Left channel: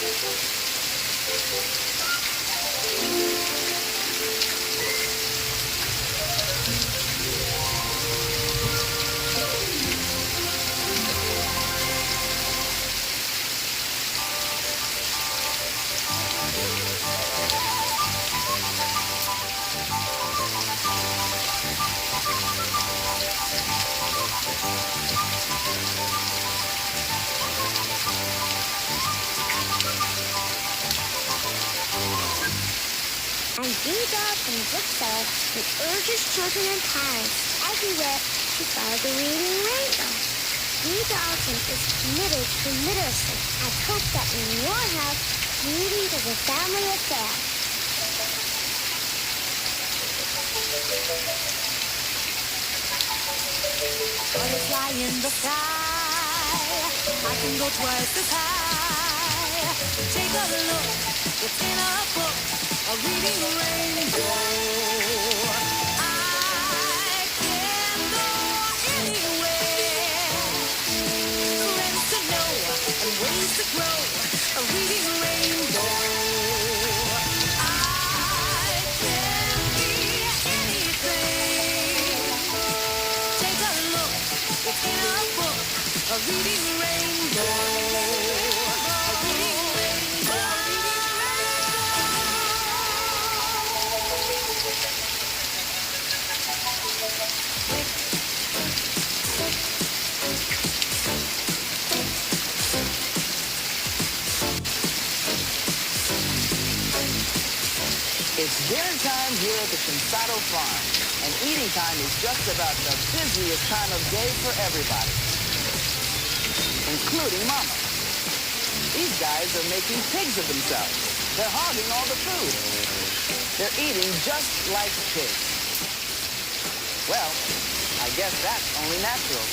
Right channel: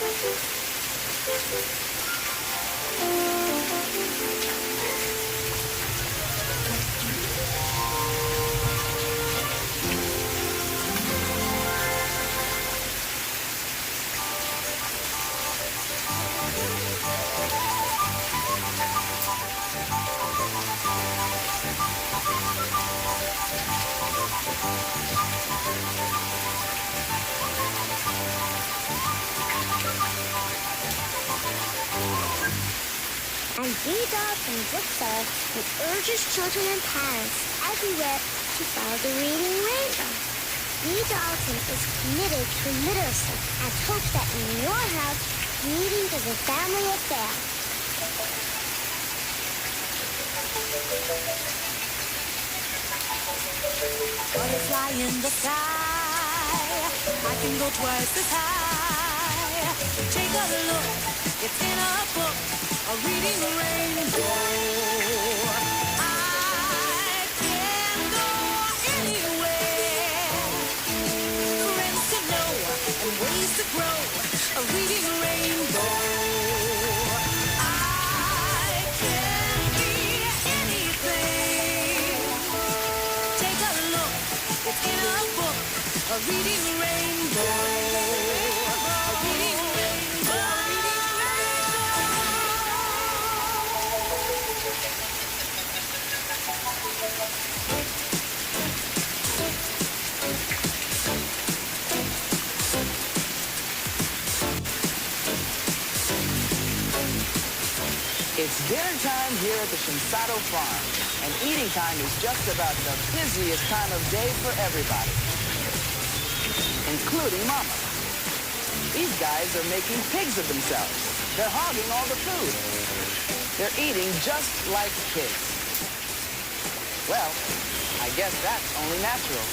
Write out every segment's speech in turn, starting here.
And B. Dalton, bookseller, who urges children and parents everywhere to follow the Reading Rainbow. B. Dalton is committed to literacy and hopes that in your house, reading is a family affair. Butterfly in the sky, I can go twice as high. Take a look, it's in a book, a reading rainbow. I can go anywhere, friends to know and ways to grow, a reading rainbow. I can be anything. Take a look, it's in a book, a reading rainbow. A reading rainbow. It's dinner time here at the Shinsato Farm, and eating time is just about the busiest time of day for everybody, including Mama. These guys are making pigs of themselves. They're hogging all the food. They're eating just like pigs. Well, I guess that's only natural.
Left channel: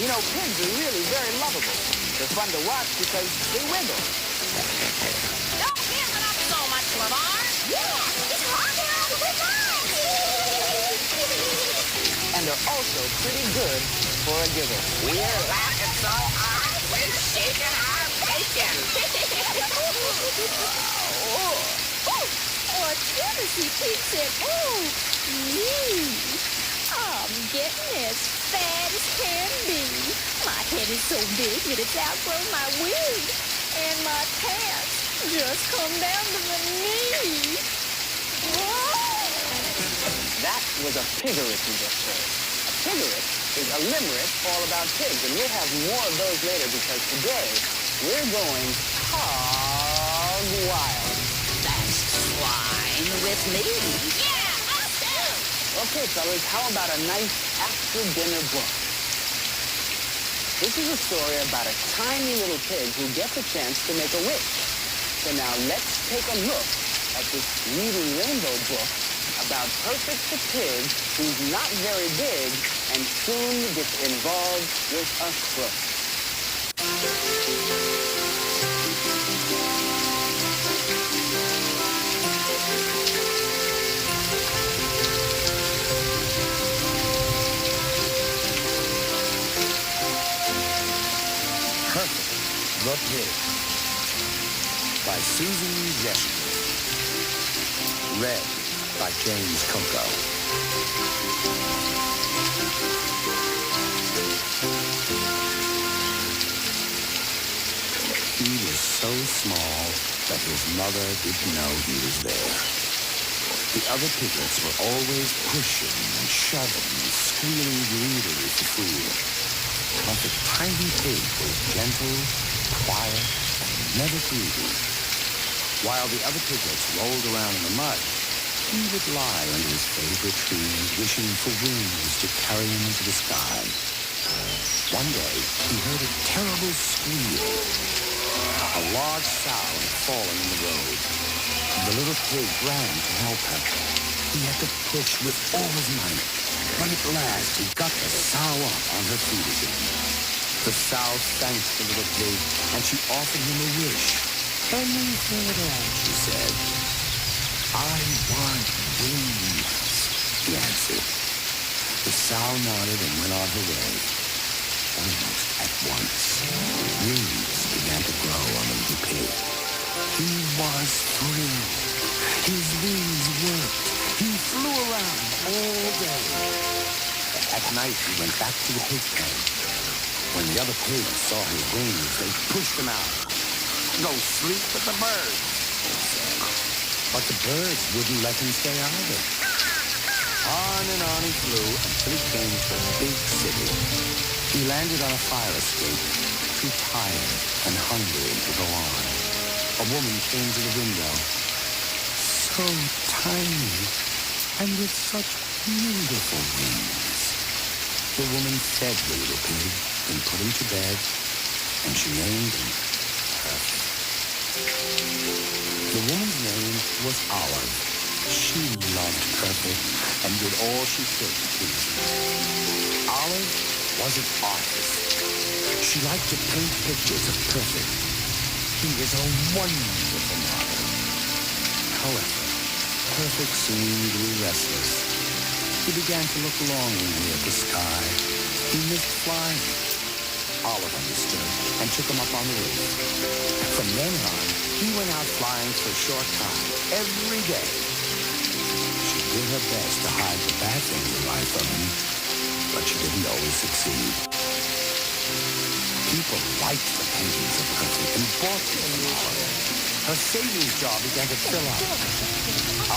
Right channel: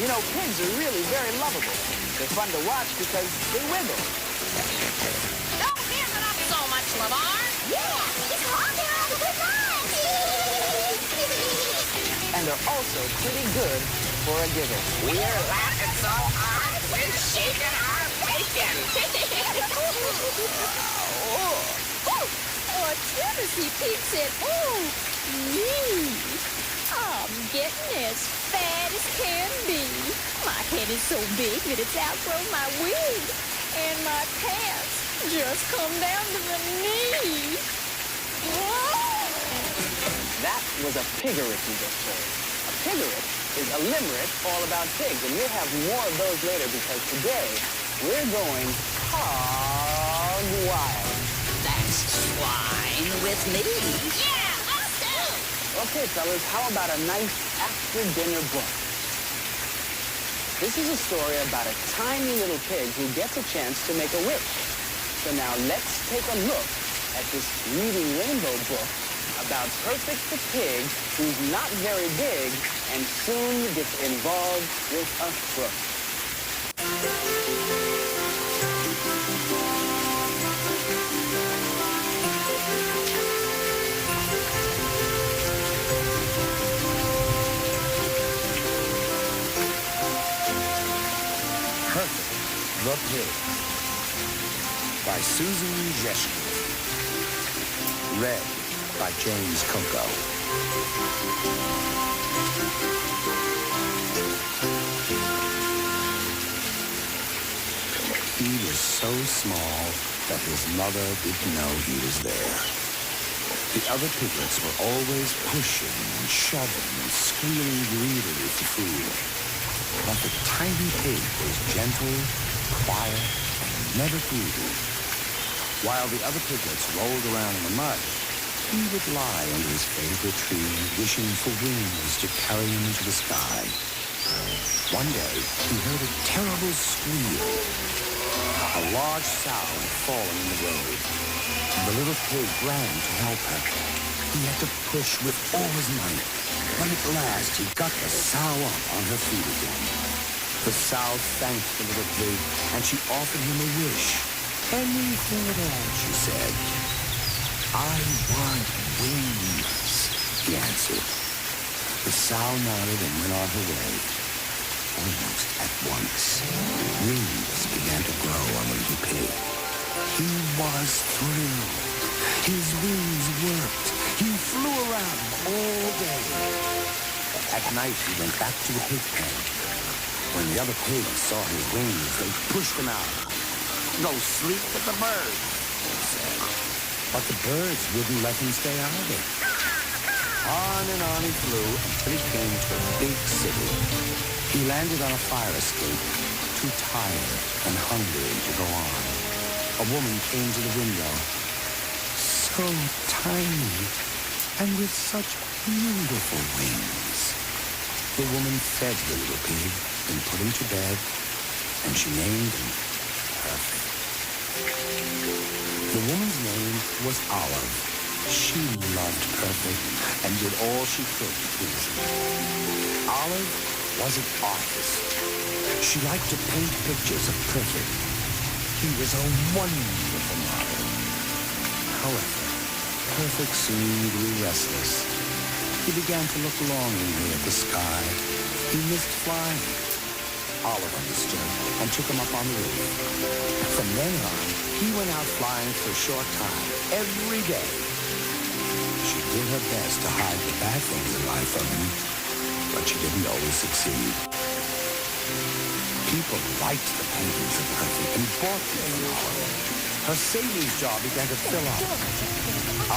You know, pigs are really very lovable. They're fun to watch because they wiggle. Don't give it up so much, LeVar. Yeah, it's hogging all the fun. And they're also pretty good for a giggle. We're laughing so hard, we're shaking our bacon. Oh, Tennessee Pig said, oh, me. I'm getting as fat as can be. My head is so big that it's outgrown my wig. And my pants just come down to the knee. Whoa! That was a piggery you just heard. A piggery is a limerick all about pigs, and we'll have more of those later because today we're going hog wild. That's swine with me. Yeah, us too. Okay, fellas, how about a nice after-dinner book? This is a story about a tiny little pig who gets a chance to make a wish. So now let's take a look at this Reading Rainbow book about Perfect the pig who's not very big and soon gets involved with a crook. Perfect the Pig by Susan Jeschke. Read by James Coco. He was so small that his mother didn't know he was there. The other piglets were always pushing and shoving and squealing greedily for food. But the tiny pig was gentle, quiet, and never greedy. While the other piglets rolled around in the mud, he would lie under his favorite tree, wishing for wings to carry him into the sky. One day, he heard a terrible squeal. A large sow had fallen in the road. The little pig ran to help her. He had to push with all his might, but at last he got the sow up on her feet again. The sow thanked the little pig, and she offered him a wish. Anything at all, she said. I want wings, he answered. The sow nodded and went on her way. Almost at once, wings began to grow on the little pig. He was thrilled. His wings worked. He flew around all day. At night, he went back to the pig pen. When the other pigs saw his wings, they pushed him out. "Go sleep with the birds," they said. But the birds wouldn't let him stay either. On and on he flew until he came to a big city. He landed on a fire escape, too tired and hungry to go on. A woman came to the window, so tiny and with such beautiful wings. The woman fed the little pig and put him to bed, and she named him Perfect. The woman's name was Olive. She loved Perfect and did all she could to please him. Olive was an artist. She liked to paint pictures of Perfect. He was a wonderful model. However, Perfect soon grew restless. He began to look longingly at the sky. He missed flying. Olive understood and took him up on the roof. From then on, he went out flying for a short time, every day. She did her best to hide the bad things in life from him, but she didn't always succeed. People liked the paintings of Perfect and bought them from Olive. Her savings jar began to fill up.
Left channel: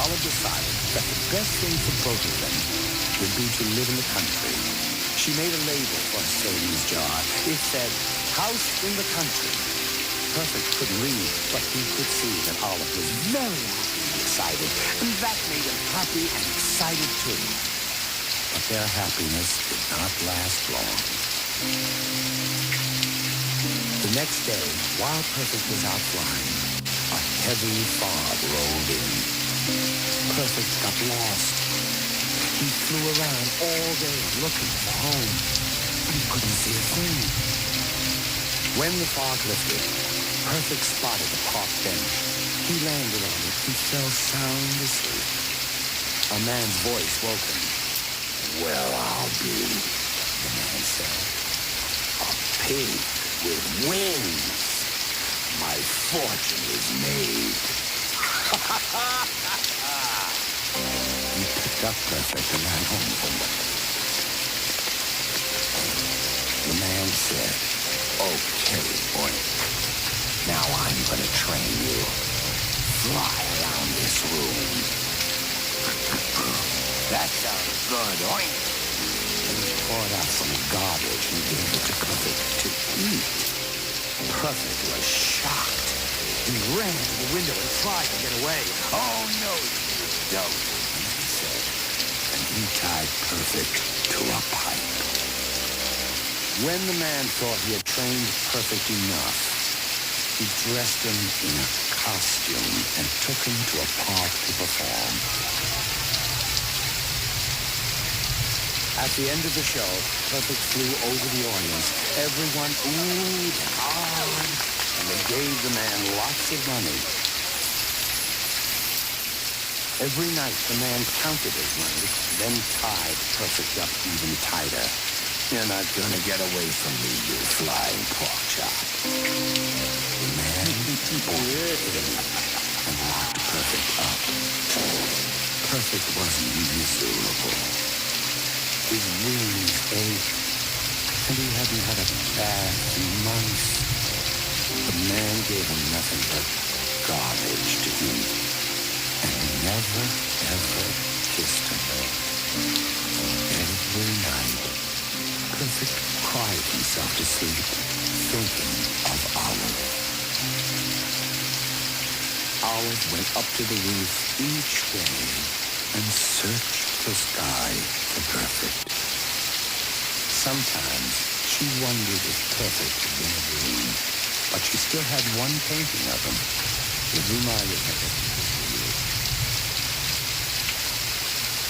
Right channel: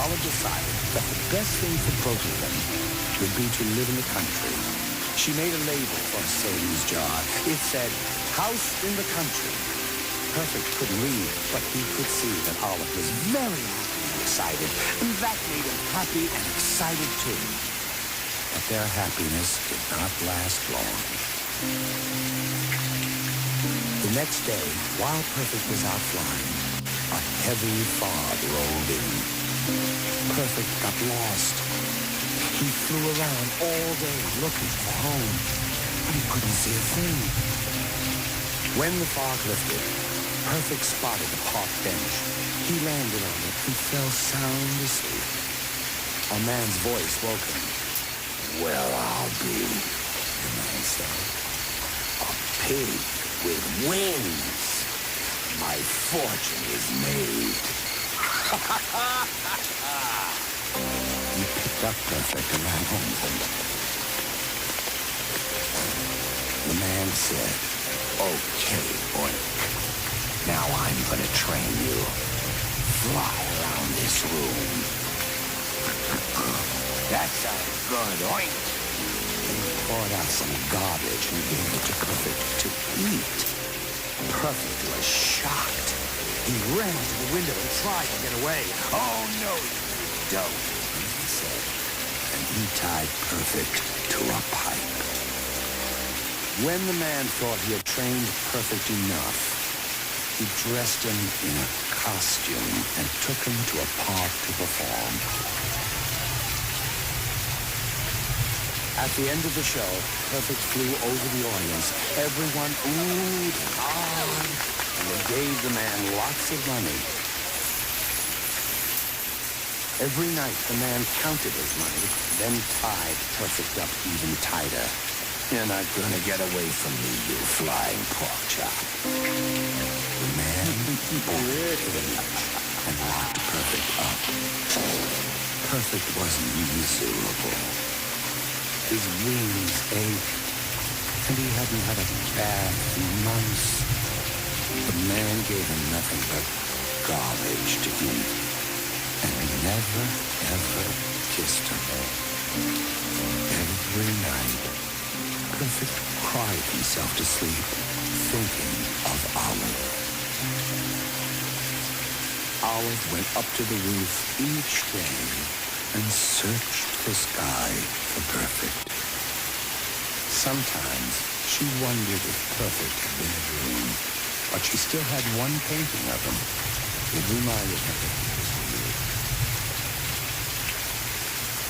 Olive decided that the best thing for both of them would be to live in the country. She made a label for her savings jar. It said, "House in the Country." Perfect couldn't read, but he could see that Olive was very happy and excited, and that made him happy and excited too. But their happiness did not last long. The next day, while Perfect was out flying, a heavy fog rolled in. Perfect got lost. He flew around all day looking for home, but he couldn't see a thing. When the fog lifted, Perfect spotted a park bench. He landed on it and fell sound asleep. A man's voice woke him. "Well, I'll be," the man said, "a pig with wings. My fortune is made." He picked up Perfect and ran home with him. The man said, "Okay, Oink. Now I'm gonna train you. Fly around this room." "That sounds good, Oink." And he poured out some garbage and gave it to Perfect to eat. Perfect was shocked. He ran to the window and tried to get away. "Oh, no, you don't," he said, and he tied Perfect to a pipe. When the man thought he had trained Perfect enough, he dressed him in a costume and took him to a park to perform. At the end of the show, Perfect flew over the audience. Everyone oohed and ahed, and they gave the man lots of money. Every night, the man counted his money, then tied Perfect up even tighter. "You're not gonna get away from me, you flying pork chop." The man bought a cage and locked Perfect up. Perfect was miserable. His wings ached, and he hadn't had a bath in months. The man gave him nothing but garbage to eat, and never, ever kissed him. Every night, Perfect cried himself to sleep, thinking of Olive. Olive went up to the roof each day and searched the sky for Perfect. Sometimes she wondered if Perfect had been a dream, but she still had one painting of him. It reminded her that he was real.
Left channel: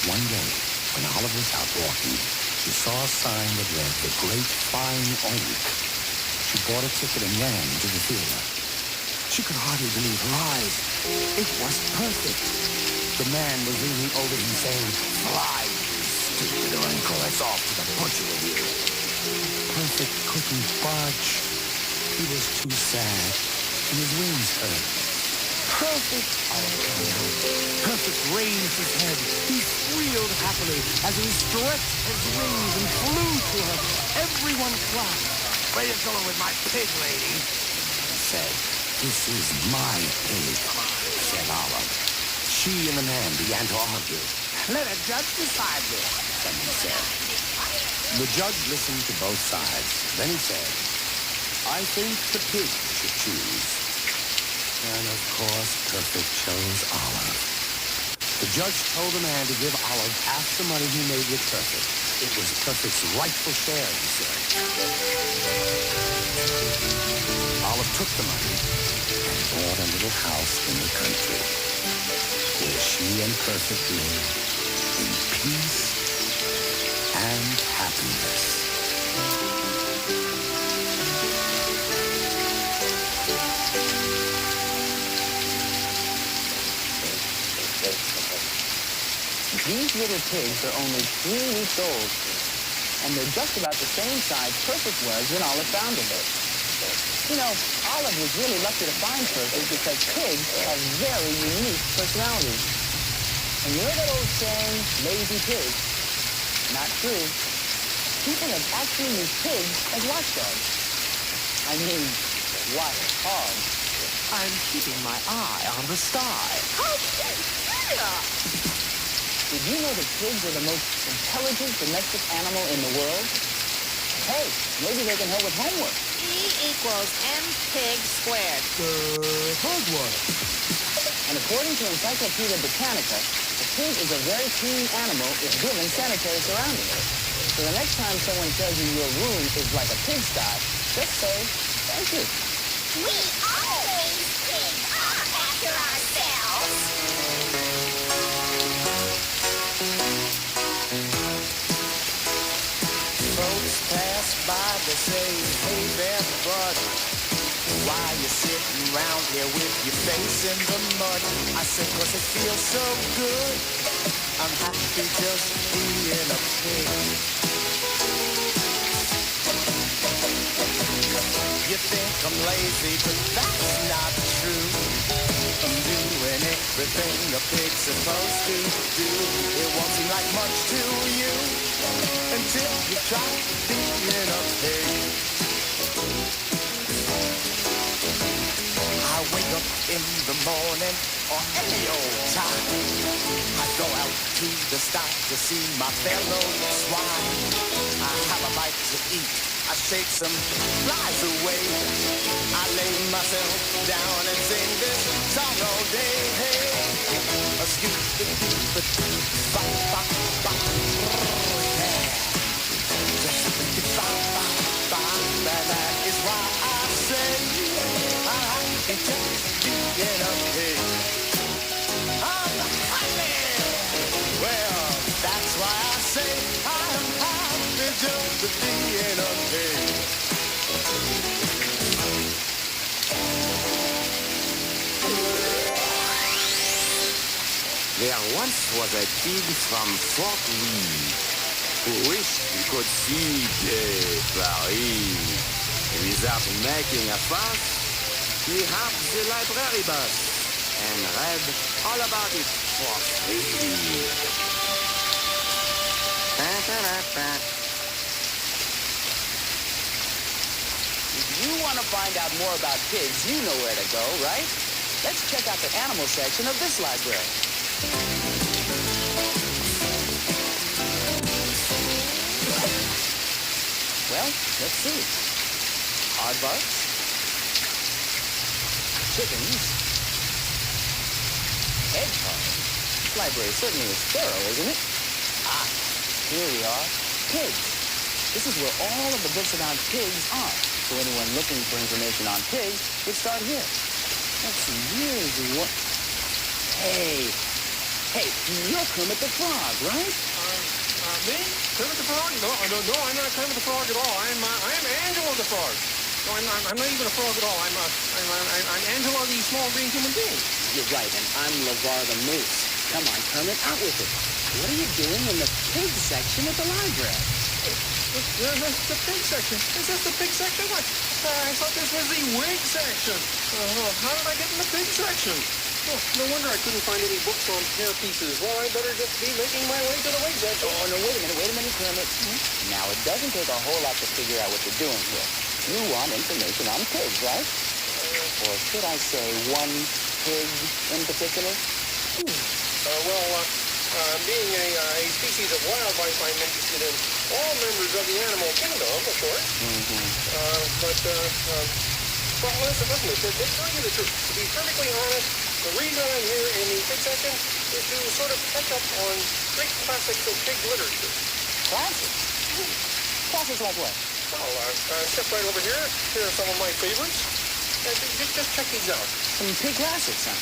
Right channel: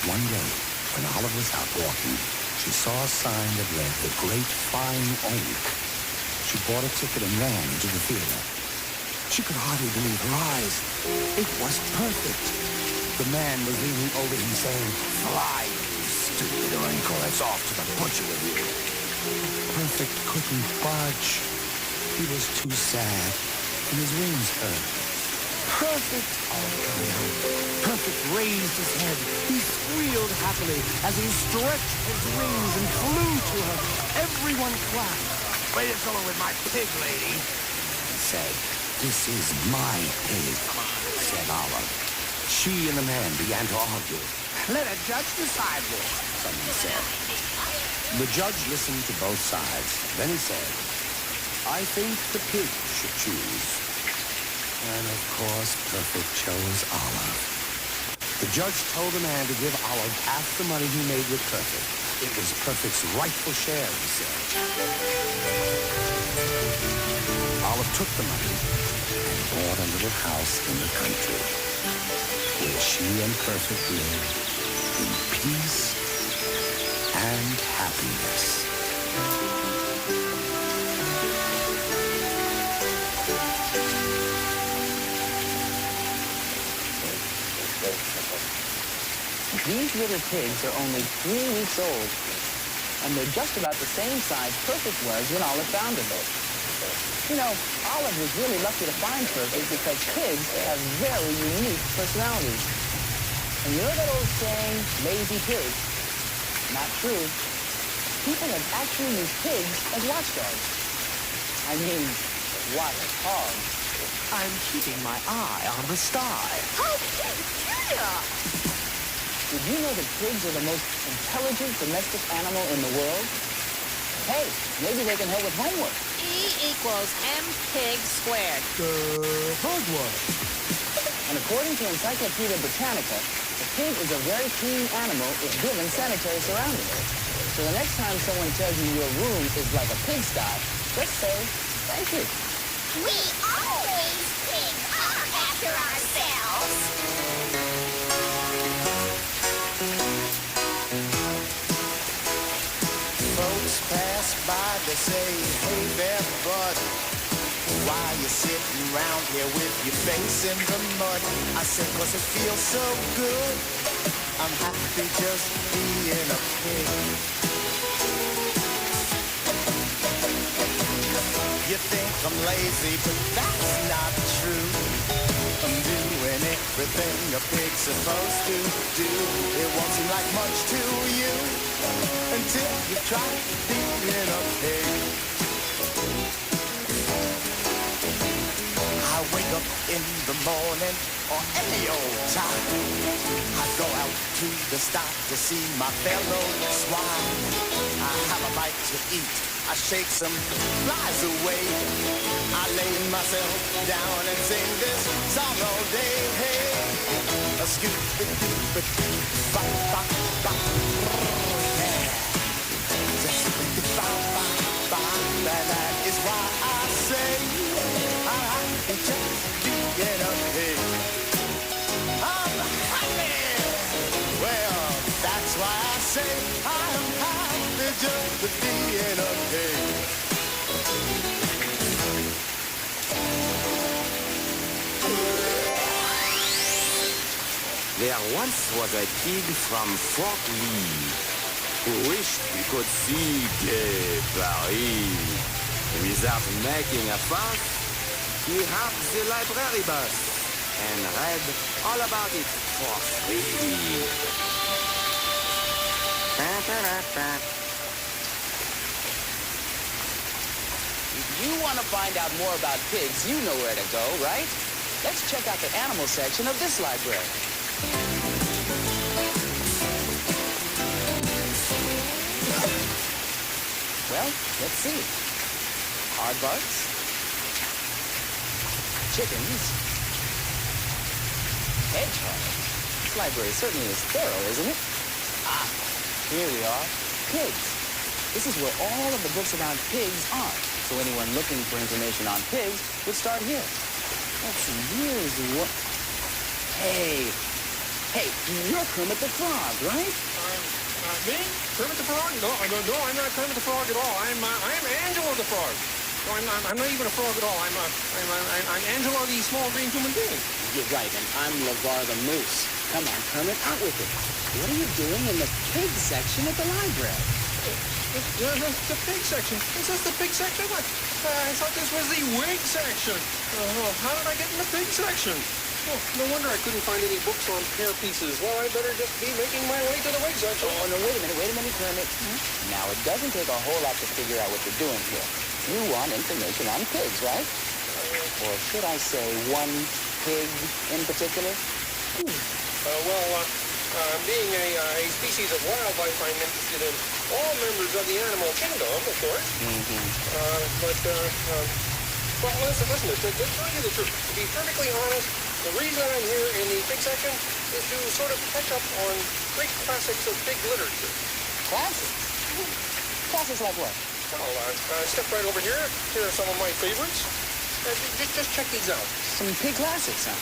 One day, when Olive was out walking, she saw a sign that read, "The Great Flying Oink." She bought a ticket and ran into the theater. She could hardly believe her eyes. It was Perfect. The man was leaning over him saying, "Fly, you stupid Oink, or it's off to the butcher with you." Perfect Perfect couldn't budge. He was too sad, and his wings hurt. Perfect! Olive cried out. Perfect raised his head. He squealed happily as he stretched his wings and flew to her. Everyone clapped. Where you going with my pig, lady? He said, "This is my pig," said Olive. She and the man began to argue. Let a judge decide this. Someone said. The judge listened to both sides. Then he said, "I think the pig should choose." And of course, Perfect chose Olive. The judge told the man to give Olive half the money he made with Perfect. It was Perfect's rightful share, he said. Olive took the money and bought a little house in the country where she and Perfect lived in peace and happiness. These little pigs are only 3 weeks old, and they're just about the same size Perfect was when Olive found her. You know, Olive was really lucky to find Perfect because pigs have very unique personalities. And you know that old saying, lazy pig? Not true. People have actually used pigs as watchdogs. I mean, watchhogs. I'm keeping my eye on the sty. Oh, dear! Did you know that pigs are the most intelligent domestic animal in the world? Hey, maybe they can help with homework. E equals M pig squared. Heard one. And according to Encyclopedia Britannica, a pig is a very clean animal if given sanitary surroundings. So the next time someone tells you your room is like a pigsty, just say, thank you. We always pick up after ourselves. Folks pass by, they say, "Hey there, bud, why you sitting around here with your face in the mud?" I said, "'Cause it feels so good. I'm happy just being a pig." You think I'm lazy, but that's not true. I'm doing everything a pig's supposed to do. It won't seem like much to you until you try being a pig. I wake up in the morning or any old time. I go out to the sty to see my fellow swine. I have a bite to eat. I shake some flies away. I lay myself down and sing this song all day. Hey, a scoop-a-doop-a-doo, bop-bop-bop. Oh, yeah. Just bop-bop-bop. That is why I say I'm happy just being a pig. I'm happy. Well, that's why I say I'm happy just being a pig. There once was a pig from Fort Lee who wished he could see Gay Paris. Without making a fuss, he hopped the library bus and read all about it for free. If you want to find out more about pigs, you know where to go, right? Let's check out the animal section of this library. Well, let's see. Aardvarks. Chickens. Hedgehogs. This library certainly is thorough, isn't it? Ah, here we are. Pigs. This is where all of the books about pigs are. So anyone looking for information on pigs would start here. Let's see, here's what... Hey, you're Kermit the Frog, right? Me? Kermit the Frog? No, I'm not Kermit the Frog at all. I'm Angela the Frog. No, I'm not even a frog at all. I'm Angela, the small green human being. You're right, and I'm LeVar the Moose. Come on, Kermit, out with it. What are you doing in the pig section at the library? The pig section. Is this the pig section? I thought this was the wig section. How did I get in the pig section? Oh, no wonder I couldn't find any books on hair pieces. Well, I better just be making my way to the wig section. Oh, no, wait a minute, Kermit. Now, it doesn't take a whole lot to figure out what you're doing here. You want information on pigs, right? Or should I say one pig in particular? Being a species of wildlife, I'm interested in all members of the animal kingdom, of course. Well, listen, to tell you the truth, to be perfectly honest, the reason I'm here in the pig section is to sort of catch up on great classics of pig literature. Classics? Classics like what? Well, step right over here. Here are some of my favorites. Just check these out. Some pig classics, huh?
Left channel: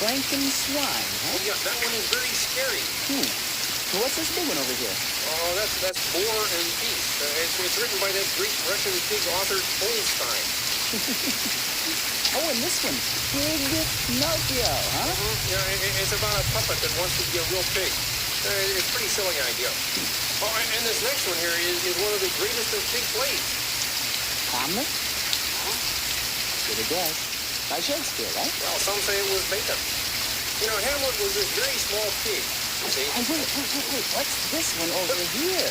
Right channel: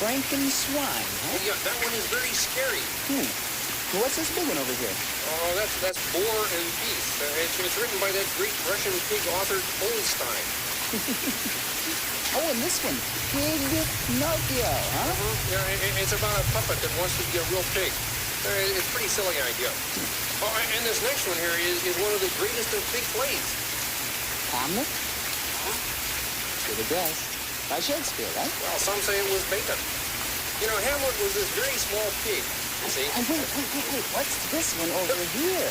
Franken-Swine, huh? Yeah, that one is very scary. Well, what's this big one over here? Oh, that's War and Peace. It's written by that great Russian pig author Tolstoy. Oh, and this one, Pinocchio, huh? Yeah, it's about a puppet that wants to be a real pig. It's a pretty silly idea. Oh, and this next one here is one of the greatest of pig plays. Hamlet? Should have guessed. By Shakespeare, right? Well, some say it was Bacon. You know, Hamlet was this very small pig. See? Oh, wait. What's this one over here?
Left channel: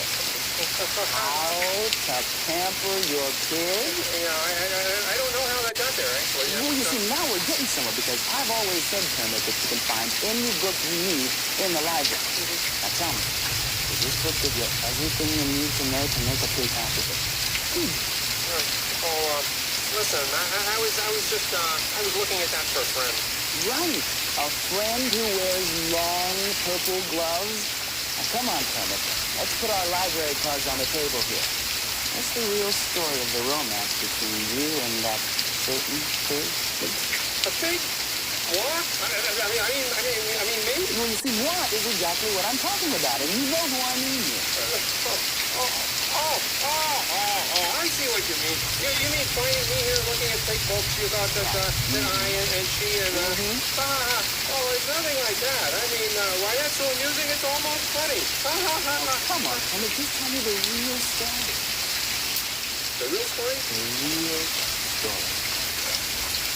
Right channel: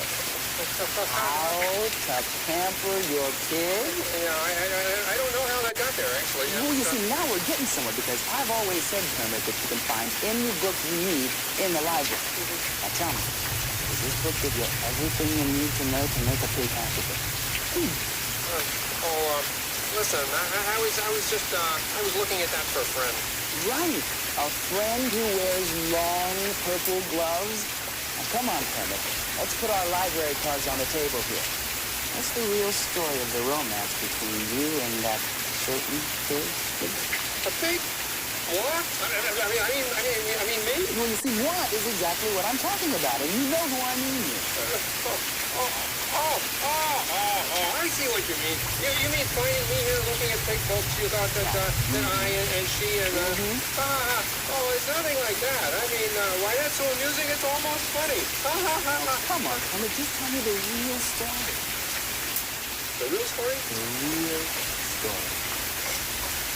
How to pamper your pig? Yeah, I don't know how that got there, actually. Well, you see, now we're getting somewhere because I've always said, Kermit, that you can find any book you need in the library. Now tell me, does this book give you everything you need to know to make a pig happy? Listen, I was looking at that for a friend. Right, a friend who wears long purple gloves. Now, come on, Kermit. Let's put our library cards on the table here. What's the real story of the romance between you and that certain pig? A pig? What? I mean me? Well, you see, moi is exactly what I'm talking about, and you know who I mean here. I see what you mean. You mean finding me here looking at pig books? You thought that I and she and it's nothing like that. I mean, why that's so amusing? It's almost funny. Come on, Kermit, just tell me the real story. The real story? The real story.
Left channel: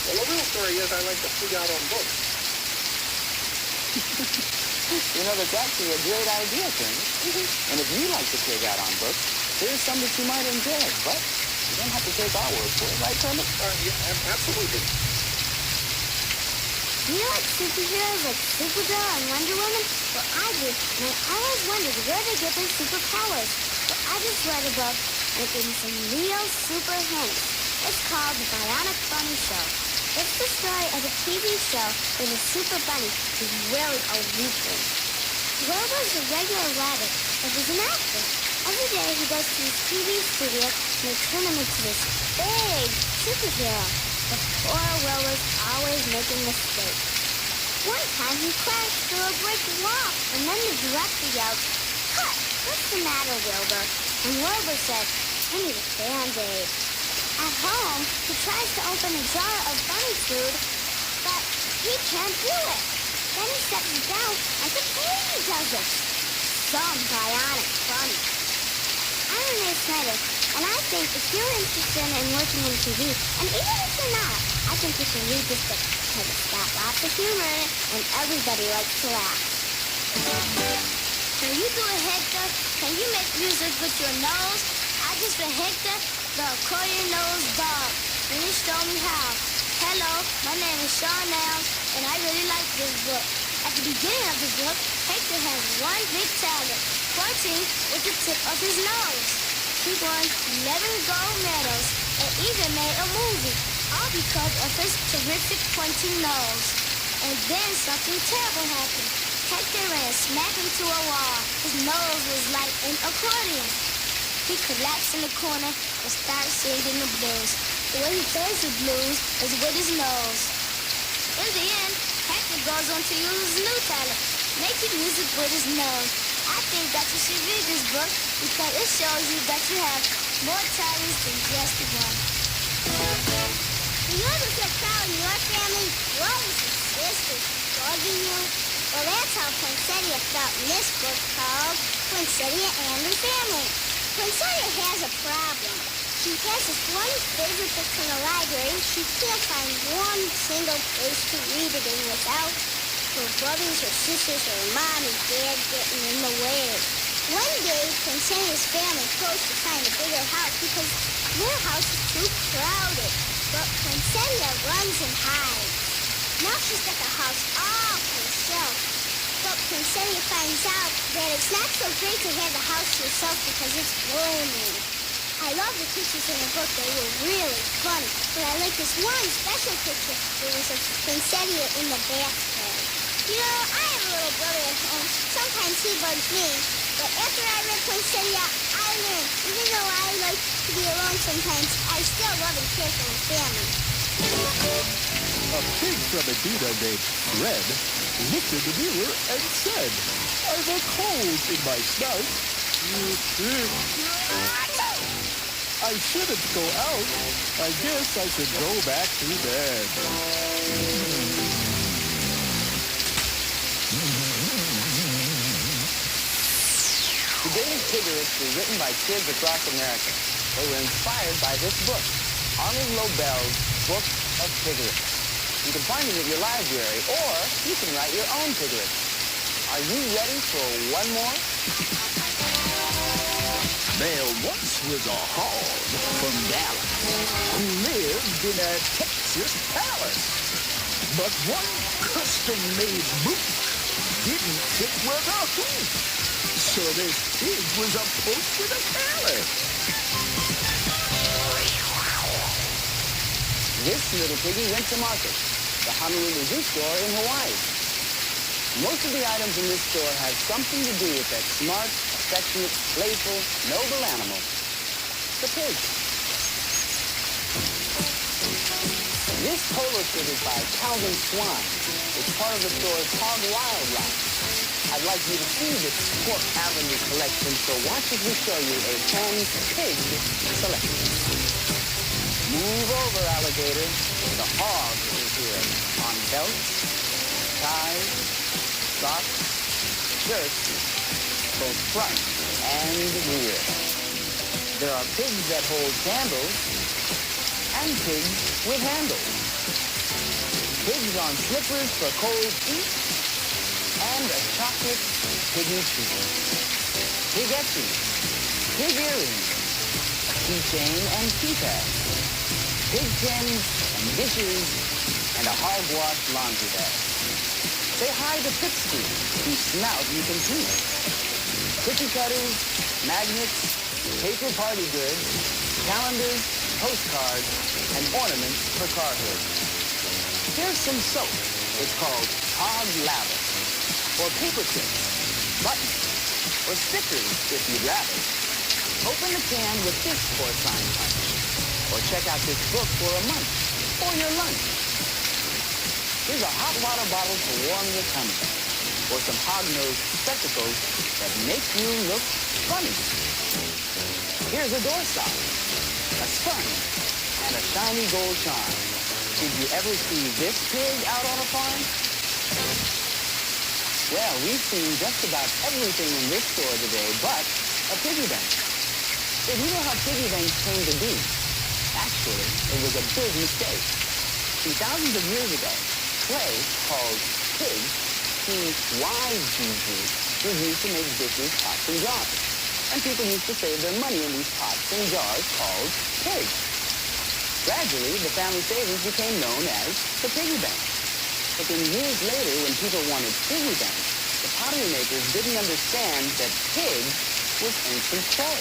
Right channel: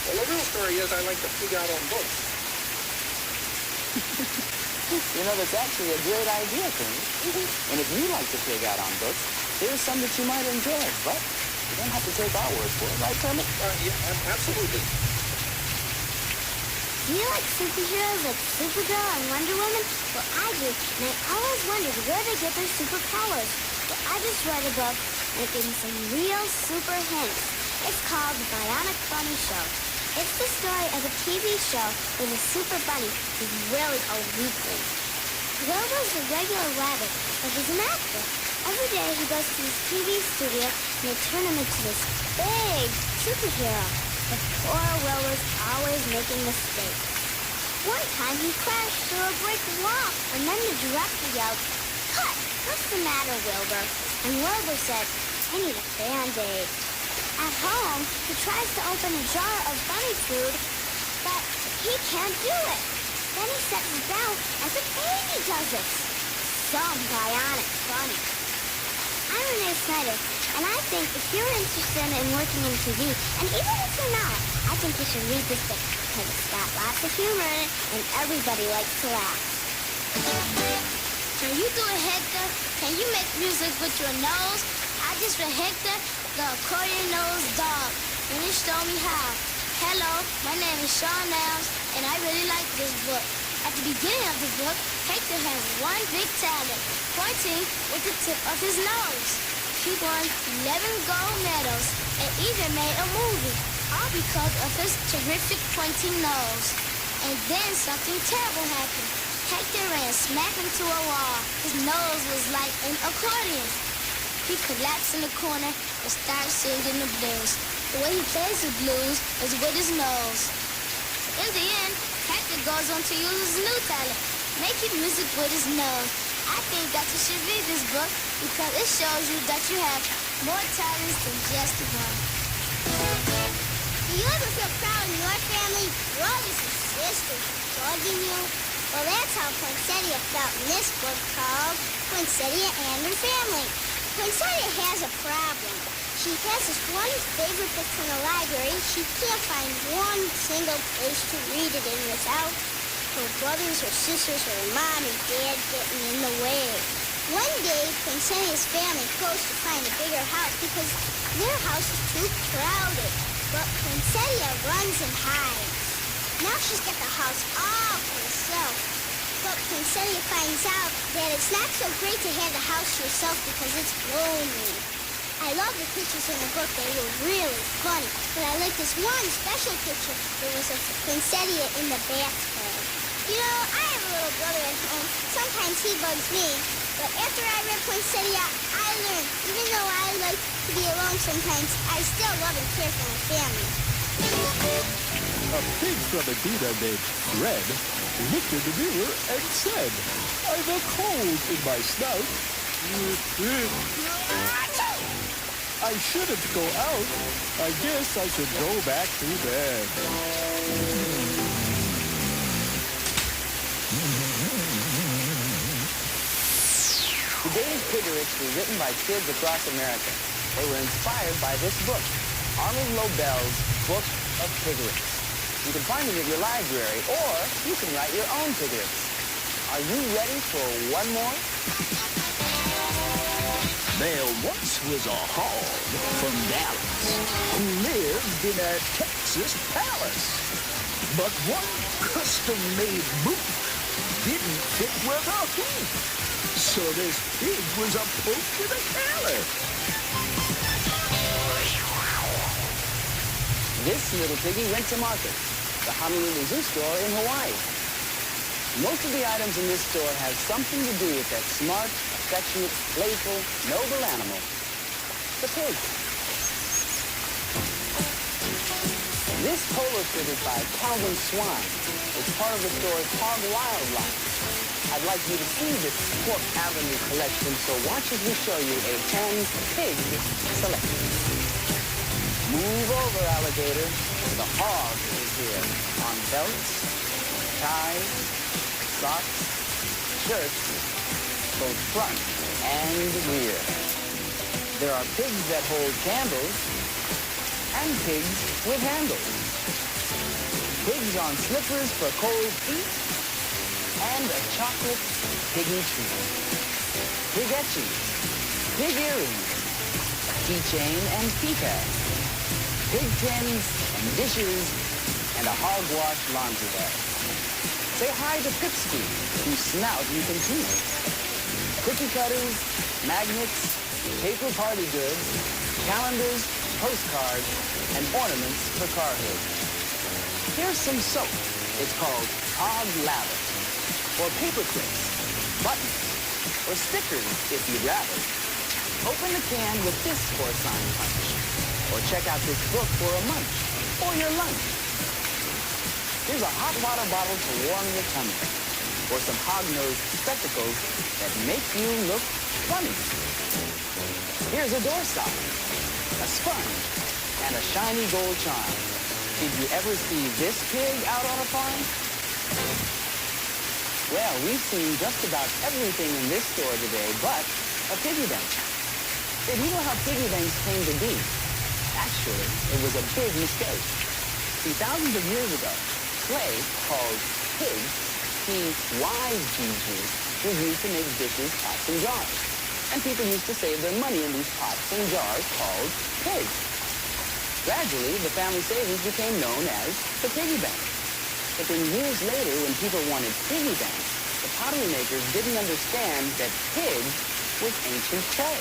Well, the real story is I like to pig out on books. You know, that's actually a great idea, Kermit. And if you like to pig out on books, here's some that you might enjoy. But you don't have to take our word for it, right, Kermit? Yeah, absolutely. Do you like superheroes like Supergirl and Wonder Woman? Well, I do, and I always wondered where they get their superpowers. Well, I just read a book, and it gave me some real super hints. It's called The Bionic Bunny Show. It's the story of a TV show with a super bunny who's really a weakling. Wilbur's a regular rabbit, but he's an actor. Every day he goes to his TV studio and they turn him into this big superhero. But poor Wilbur's always making mistakes. One time he crashed through a brick wall and then the director yelled, "Cut! What's the matter, Wilbur?" And Wilbur said, "I need a Band-Aid." At home, he tries to open a jar of bunny food, but he can't do it. Then he sets it down and the baby does it. Some bionic bunny. I'm Renee Snyder, and I think if you're interested in working in TV, and even if you're not, I think you should read this book because it's got lots of humor in it and everybody likes to laugh. Can you do it, Hector? Can you make music with your nose? I just read Hector, the accordion-nosed dog, and he showed me how. Hello, my name is Sean Nelms, and I really like this book. At the beginning of the book, Hector has one big talent, pointing with the tip of his nose. He won 11 gold medals and even made a movie, all because of his terrific pointing nose. And then something terrible happened. Hector ran smack into a wall. His nose was like an accordion. He collapsed in the corner and started singing the blues. The way he plays the blues is with his nose. In the end, Hector goes on to use his new talent, making music with his nose. I think that you should read this book because it shows you that you have more talents than just one. Do you ever feel proud in your family? Brothers and sisters bugging you? Well, that's how Poinsettia felt in this book called Poinsettia and Her Family. Poinsettia has a problem. She has this one favorite book from the library. She can't find one single place to read it in without her brothers or sisters or her mom and dad getting in the way. One day, Poinsettia's family goes to find a bigger house because their house is too crowded. But Poinsettia runs and hides. Now she's got the house all to herself. But Poinsettia finds out that it's not so great to have the house to yourself because it's lonely. I love the pictures in the book. They were really funny. But I like this one special picture. There was a Poinsettia in the bathtub. You know, I have a little brother at home. Sometimes he bugs me. But after I read Poinsettia, I learned, even though I like to be alone sometimes, I still love and care for my family. A pig from Edina named Fred looked in the mirror and said, "I've a cold in my snout. I shouldn't go out. I guess I should go back to bed." Today's Piggerics were written by kids across America. They were inspired by this book, Arnold Lobel's Book of Piggerics. You can find it at your library, or you can write your own Piggerics. Are you ready for one more? There once was a hog from Dallas who lived in a Texas palace. But one custom-made boot didn't fit with a hoop. So this pig was a poke with a collar. This little piggy went to market, the Honolulu Zoo store in Hawaii. Most of the items in this store have something to do with that smart, affectionate, playful, noble animal, the pig. This polo shirt is by Calvin Swine. It's part of the store's Hog Wild line. I'd like you to see this Pork Avenue collection, so watch as we show you a hand-pig selection. Move over, alligator. The hog is here on belts, ties, socks, shirts, both front and rear. There are pigs that hold candles and pigs with handles. Pigs on slippers for cold feet and a chocolate piggy treat. Pig etchings, pig earrings, a keychain and keypad, pig tins and dishes, and a hogwash laundry bag. Say hi to Pipsqueak, whose snout you can tweak. Cookie cutters, magnets, paper party goods, calendars, postcards, and ornaments for car hoods. Here's some soap. It's called Hog Lather. Or paper clips, buttons, or stickers if you'd rather. Open the can with this porcine punch. Or check out this book for a munch, or your lunch. Here's a hot water bottle to warm your tummy. Or some hog-nosed spectacles that make you look funny. Here's a doorstop, a sponge, and a shiny gold charm. Did you ever see this pig out on a farm? Well, we've seen just about everything in this store today but a piggy bank. Say, do you know how piggy banks came to be? Actually, it was a big mistake. See, thousands of years ago, clay called pig, P-Y-G-G, was used to make dishes, pots, and jars. And people used to save their money in these pots and jars called pigs. Gradually, the family savings became known as the piggy bank. But then years later, when people wanted piggy banks, the pottery makers didn't understand that pig was ancient clay.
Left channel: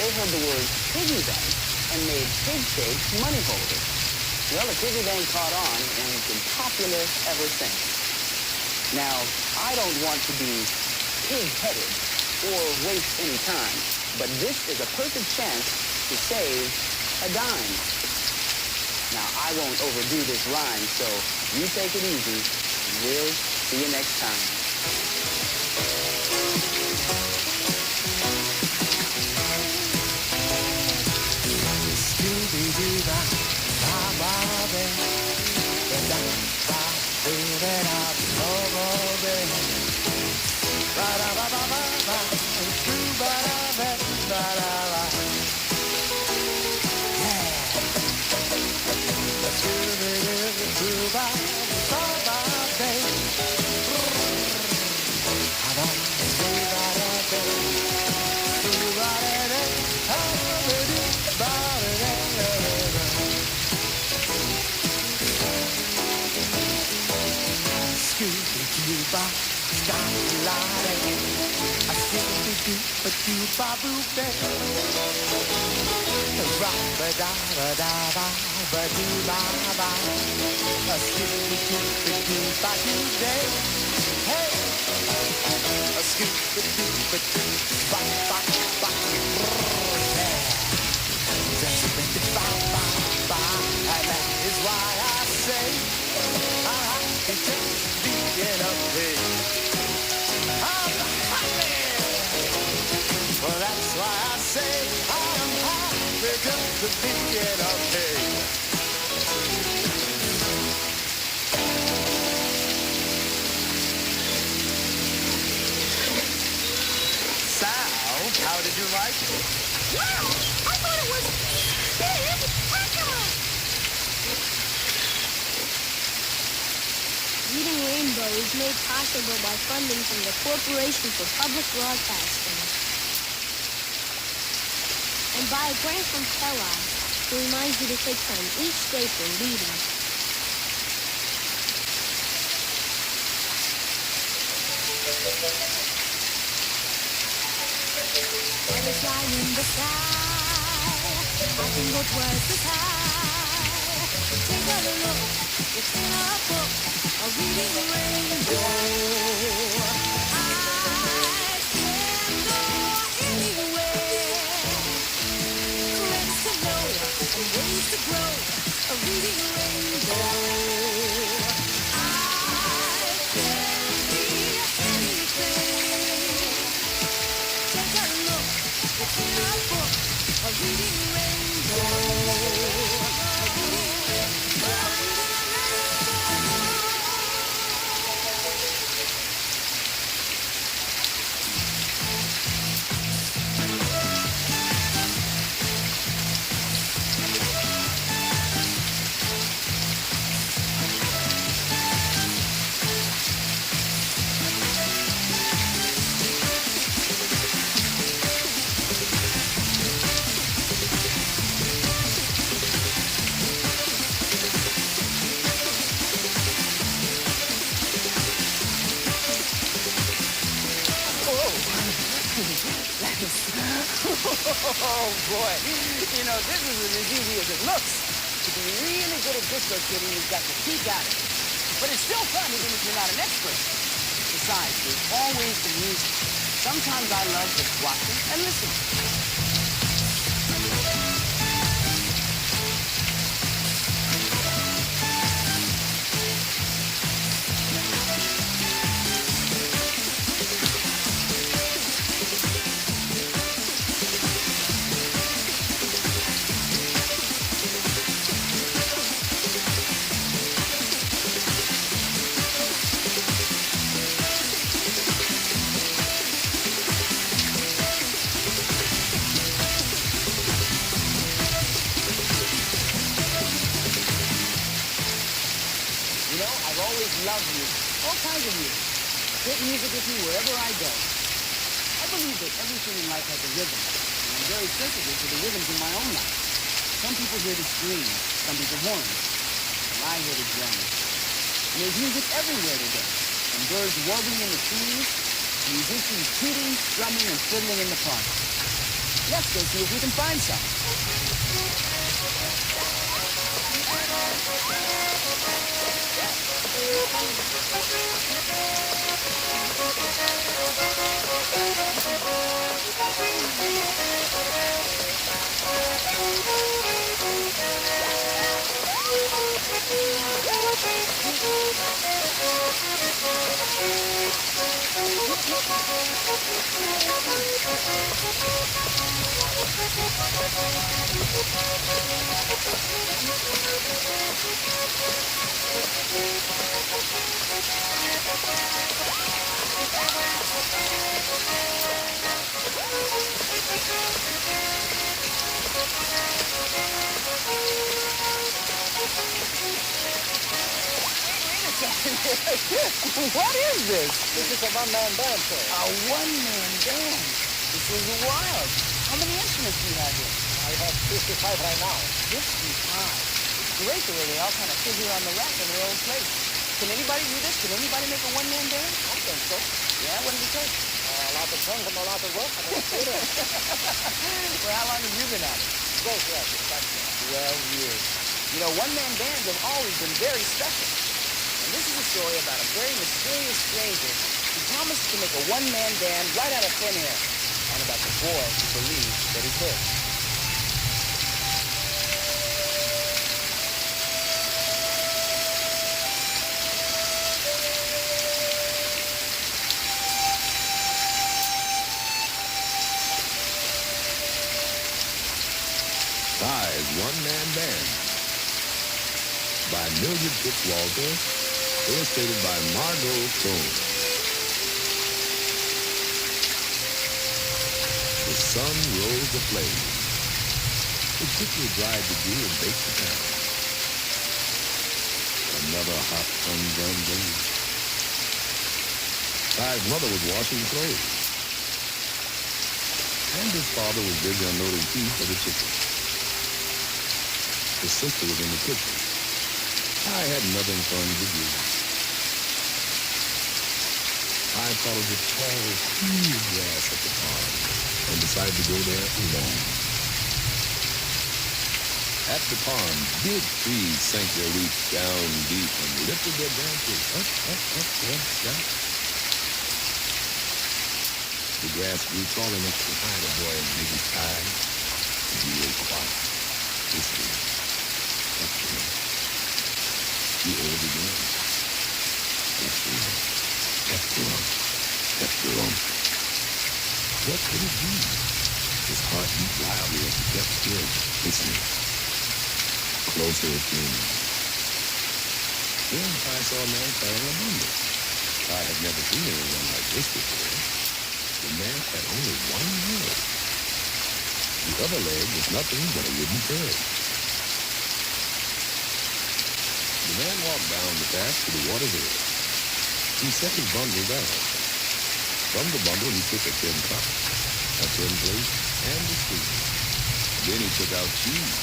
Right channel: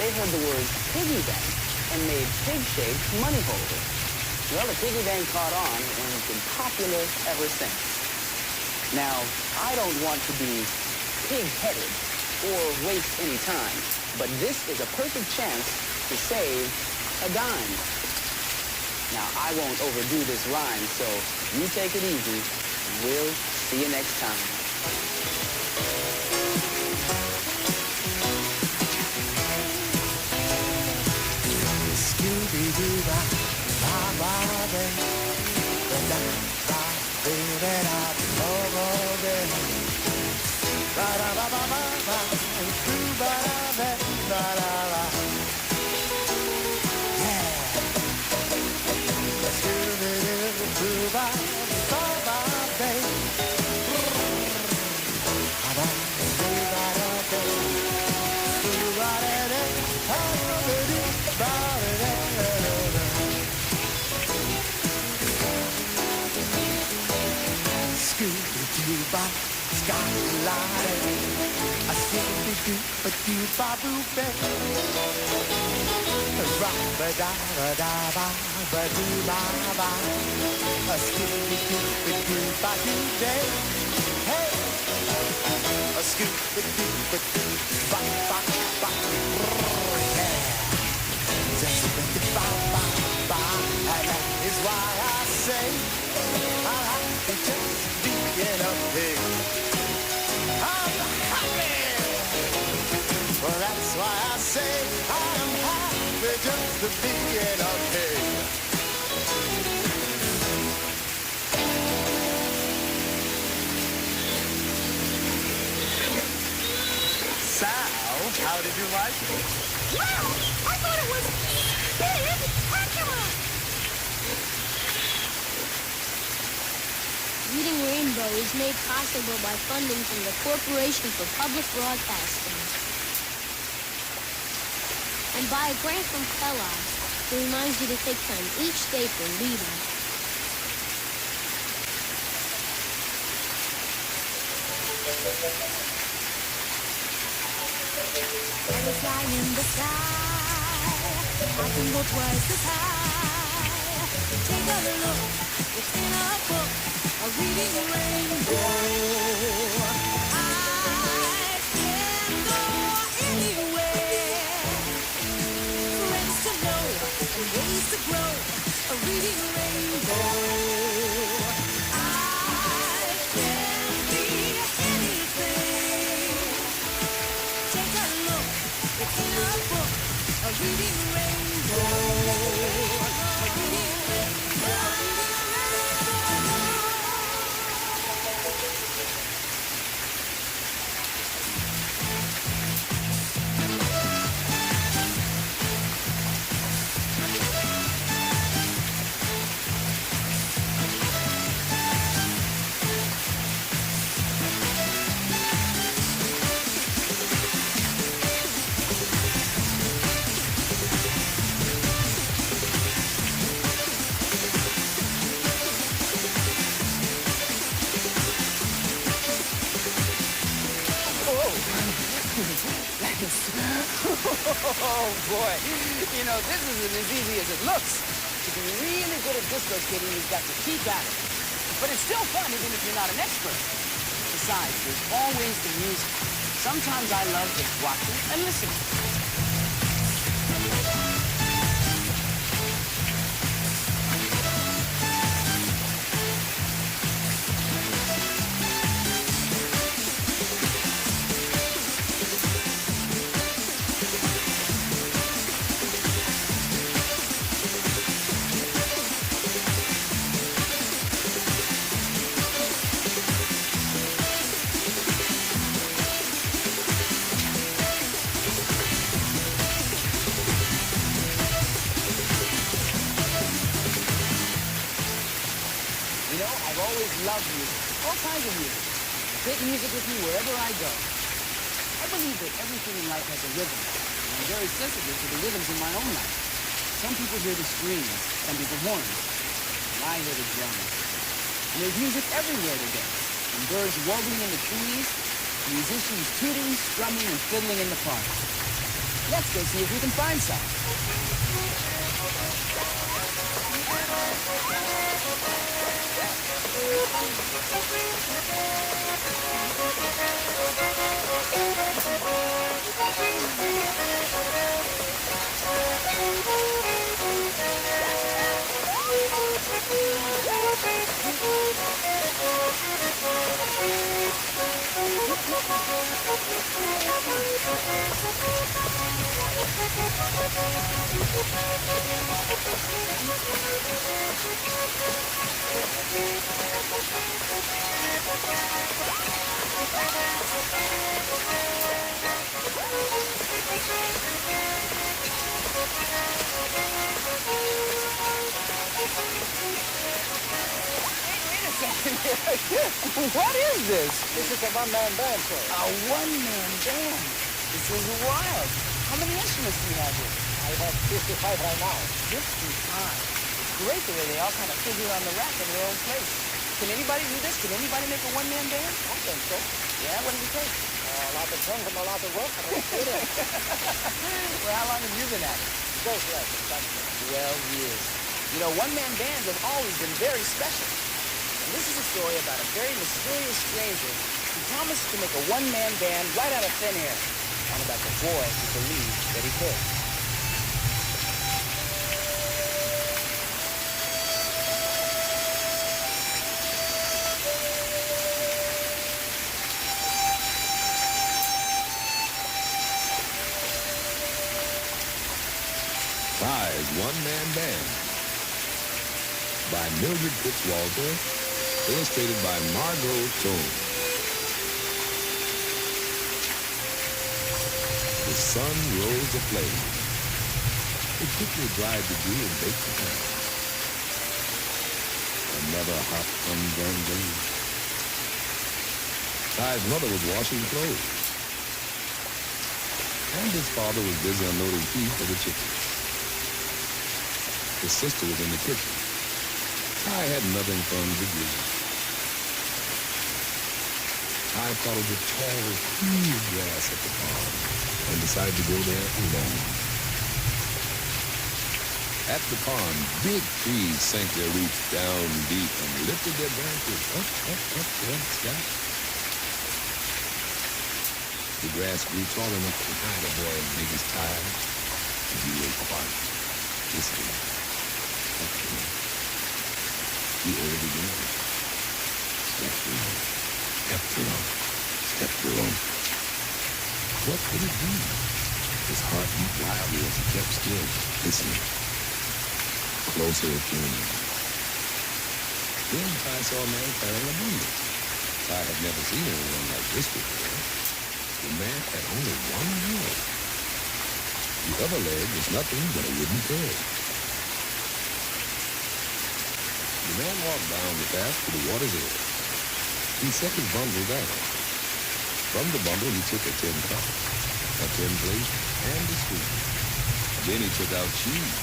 They heard the word piggy bank and made pig-shaped money holders. Well, the piggy bank caught on, and it's been popular ever since. Now, I don't want to be pig-headed or waste any time, but this is a perfect chance to save a dime. Now, I won't overdo this rhyme, so you take it easy. We'll see you next time. Scooby-Doo-ba, ba-ba-ba, ba-da-ba-doo-da-da, ba-ba-ba, ba-da-ba-ba-ba-ba, doo-ba-da-ba, ba-da-ba. Ba-doo-ba-boo-ba. Ra-ba-da-ba-da-ba-ba-doo-ba-ba. A skip-a-doo-ba-doo-ba-doo-day. Hey! A skip-a-doo-ba-doo-ba-ba-ba. Yeah! Just ba-ba-ba-ba. And that is why I say I'm happy just being a pig. I'm happy! Well, that's why I say I'm happy just being a pig. Sal, how did you like it? Wow! I thought it was spectacular! Reading Rainbow is made possible by funding from the Corporation for Public Broadcasting and by a grant from Kellogg's, who reminds you to take time each day for reading. Butterfly in the sky, I can go twice as high. Take a look, it's in a book, a reading rainbow. I can go anywhere, friends to know and ways to grow, a reading rainbow. I can be anything. Take a look, it's in a book, a reading rainbow. A reading rainbow. Oh, boy. You know, this isn't as easy as it looks. To be really good at disco skating, you've got to keep at it. But it's still fun, even if you're not an expert. Besides, there's always the music. Sometimes I love just watching and listening. You know, I've always loved music, all kinds of music. I take music with me wherever I go. I believe that everything in life has a rhythm, and I'm very sensitive to the rhythms in my own life. Some people hear the strings, some people horns, and I hear the drums. And there's music everywhere today, from birds warbling in the trees, to musicians tooting, strumming, and fiddling in the park. Let's go see if we can find some. What is this? This is a one-man band, sir. A one-man band. This is wild. How many instruments do you have here? I have 55 right now. 55. It's great the way they all kind of fit here on the rack in their own place. Can anybody do this? Can anybody make a one-man band? I think so. Yeah, what does it take? lot of fun and a lot of work and experience. Well, how long have you been at it? 12 years, exactly. 12 years. You know, one-man bands have always been very special. And this is a story about a very mysterious stranger who promised to make a one-man band right out of thin air, and about the boy who believed that he could. Ty's One-Man Band by Mildred Fitzwalter, illustrated by Margot Tone. The sun rose aflame. It quickly dried the dew and baked the town. Another hot, humdrum day. Ty's mother was washing clothes, and his father was busy unloading feed for the chickens. His sister was in the kitchen. Ty had nothing fun to do. Ty followed the tall, cool grass at the pond and decided to go there alone. At the pond, big trees sank their roots down deep and lifted their branches up toward the sky. The grass grew tall enough to hide a boy as big as Ty, and he lay quiet, listening. He heard it again. Step through, step through, step through. What could it be? His heart beat wildly as he kept still, listening. Closer it came. Then Ty saw a man carrying a bundle. Ty had never seen anyone like this before. The man had only one leg. The other leg was nothing but a wooden peg. The man walked down the path to the water's edge. He set his bundle down. From the bundle, he took a tin cup, a tin plate, and a spoon. Then he took out cheese,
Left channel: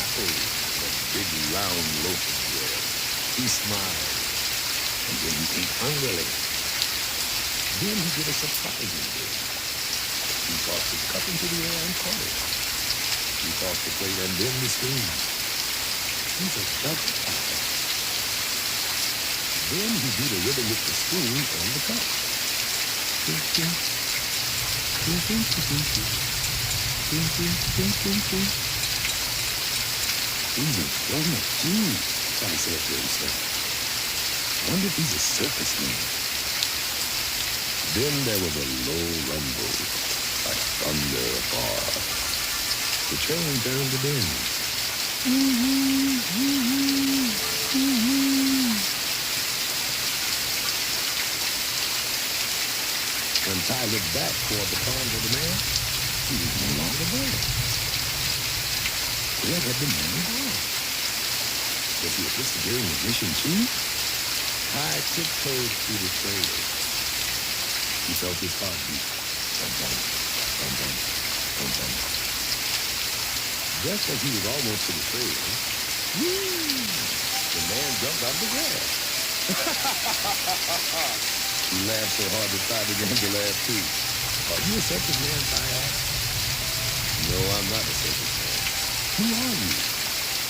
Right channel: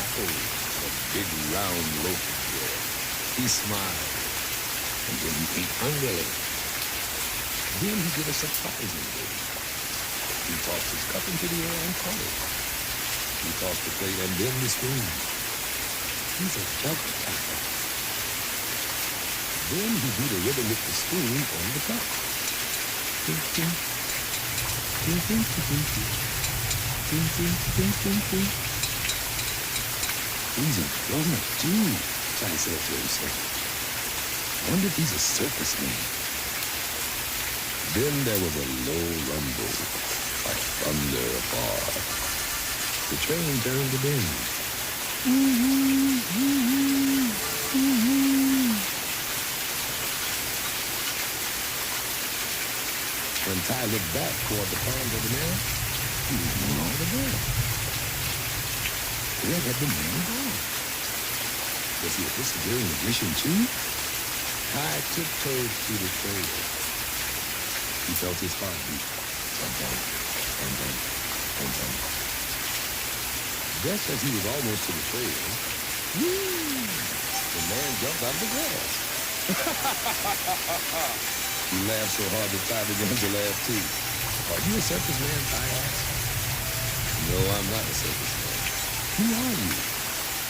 apples, and a big round loaf of bread. He smiled, and then he ate hungrily. Then he did a surprising thing. He tossed his cup into the air and caught it. He tossed the plate and then the spoon. He's a juggler, Ty thought. Then he beat a rhythm with the spoon on the cup. Ding, ding. Ding, ding, ding, ding, ding. Ding, ding, ding, ding, ding. He's a drummer, too, Ty said to himself. Wonder if he's a circus man. Then there was a low rumble, like thunder afar. The train turned the bend. When Ty looked back toward the pond of the man, he was no longer there. Where had the man gone? Was he a disappearing magician too? Ty tiptoed through the trail. He felt his heart beat. Thump-thump, thump-thump, thump-thump. Just as he was almost to the trail, the man jumped out of the grass. He laughed so hard that Ty began to laugh too. Are you a circus man, Ty asked? No, I'm not a circus man. Who are you?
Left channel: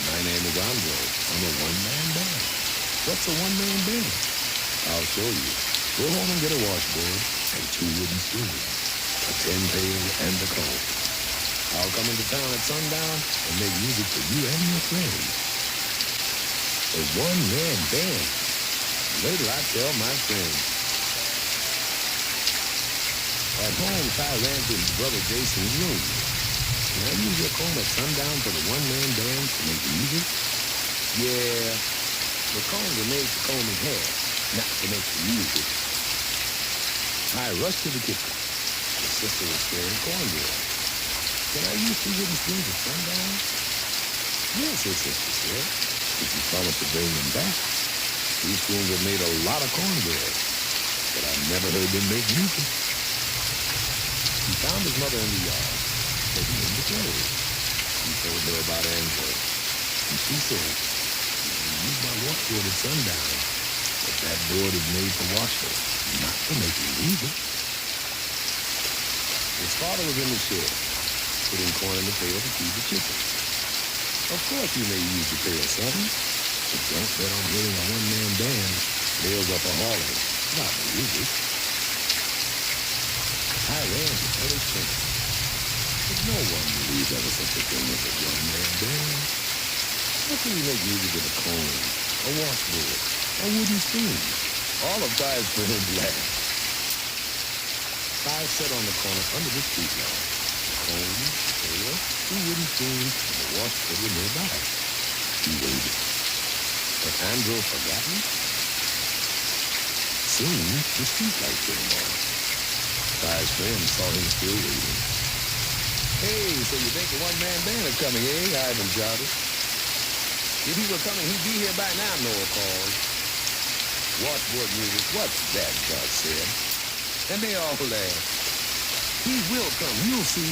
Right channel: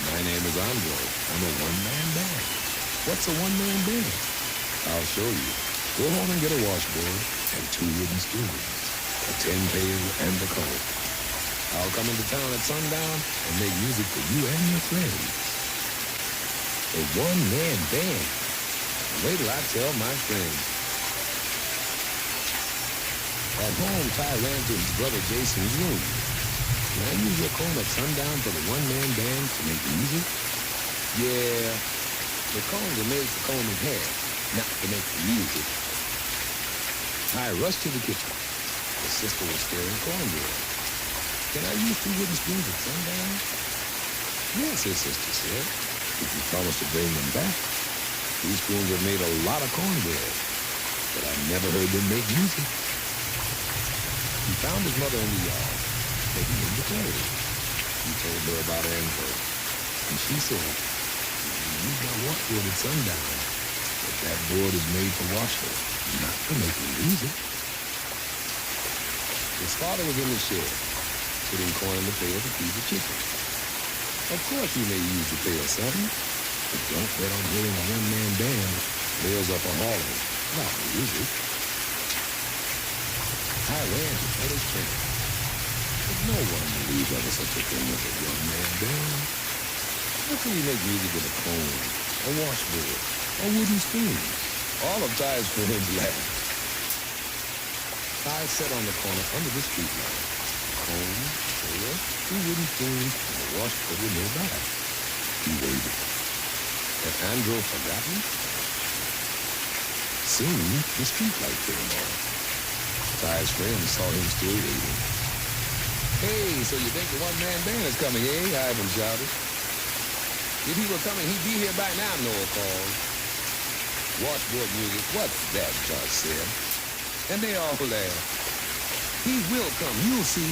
My name is Andro. I'm a one-man band. What's a one-man band? I'll show you. Go home and get a washboard and 2 wooden spoons, a tin pail, and a comb. I'll come into town at sundown and make music for you and your friends. A one-man band. Wait till I tell my friends. At home, Ty ran to his brother Jason's room. Can I use your comb at sundown for the one-man band to make music? Yeah, the combs are made for combing hair, not to make the music. Ty rushed to the kitchen. His sister was stirring cornbread. Can I use 2 wooden spoons at sundown? Yes, his sister said, if you promise to bring them back. These spoons have made a lot of cornbread, but I've never heard them make music. He found his mother in the yard, taking in the clothes. He told her about Andro, and she said, you use my washboard at sundown, but that board is made for washing, not for making music. His father was in the shed, putting corn in the pail to feed the chickens. Of course you may use the pail something, but don't bet on hearing a one-man band nails up a hauling, not music. I ran to tell his friends, but no one believed there was such a thing as a one-man band. How can you make music with a comb, a washboard, a wooden spoon? All of Ty's friends laughed. Ty sat on the corner under the street lamp. The comb, the pail, 2 wooden spoons, and the washboard were nearby. He waited. Had Andrew forgotten? Soon, the streetlight came on. Ty's friends saw him still waiting. Hey, so you think the one-man band is coming, eh? Ivan shouted. If he were coming, he'd be here by now, Noah called. Washboard music, what's that, Josh said. And they all laughed. He will come, you'll see.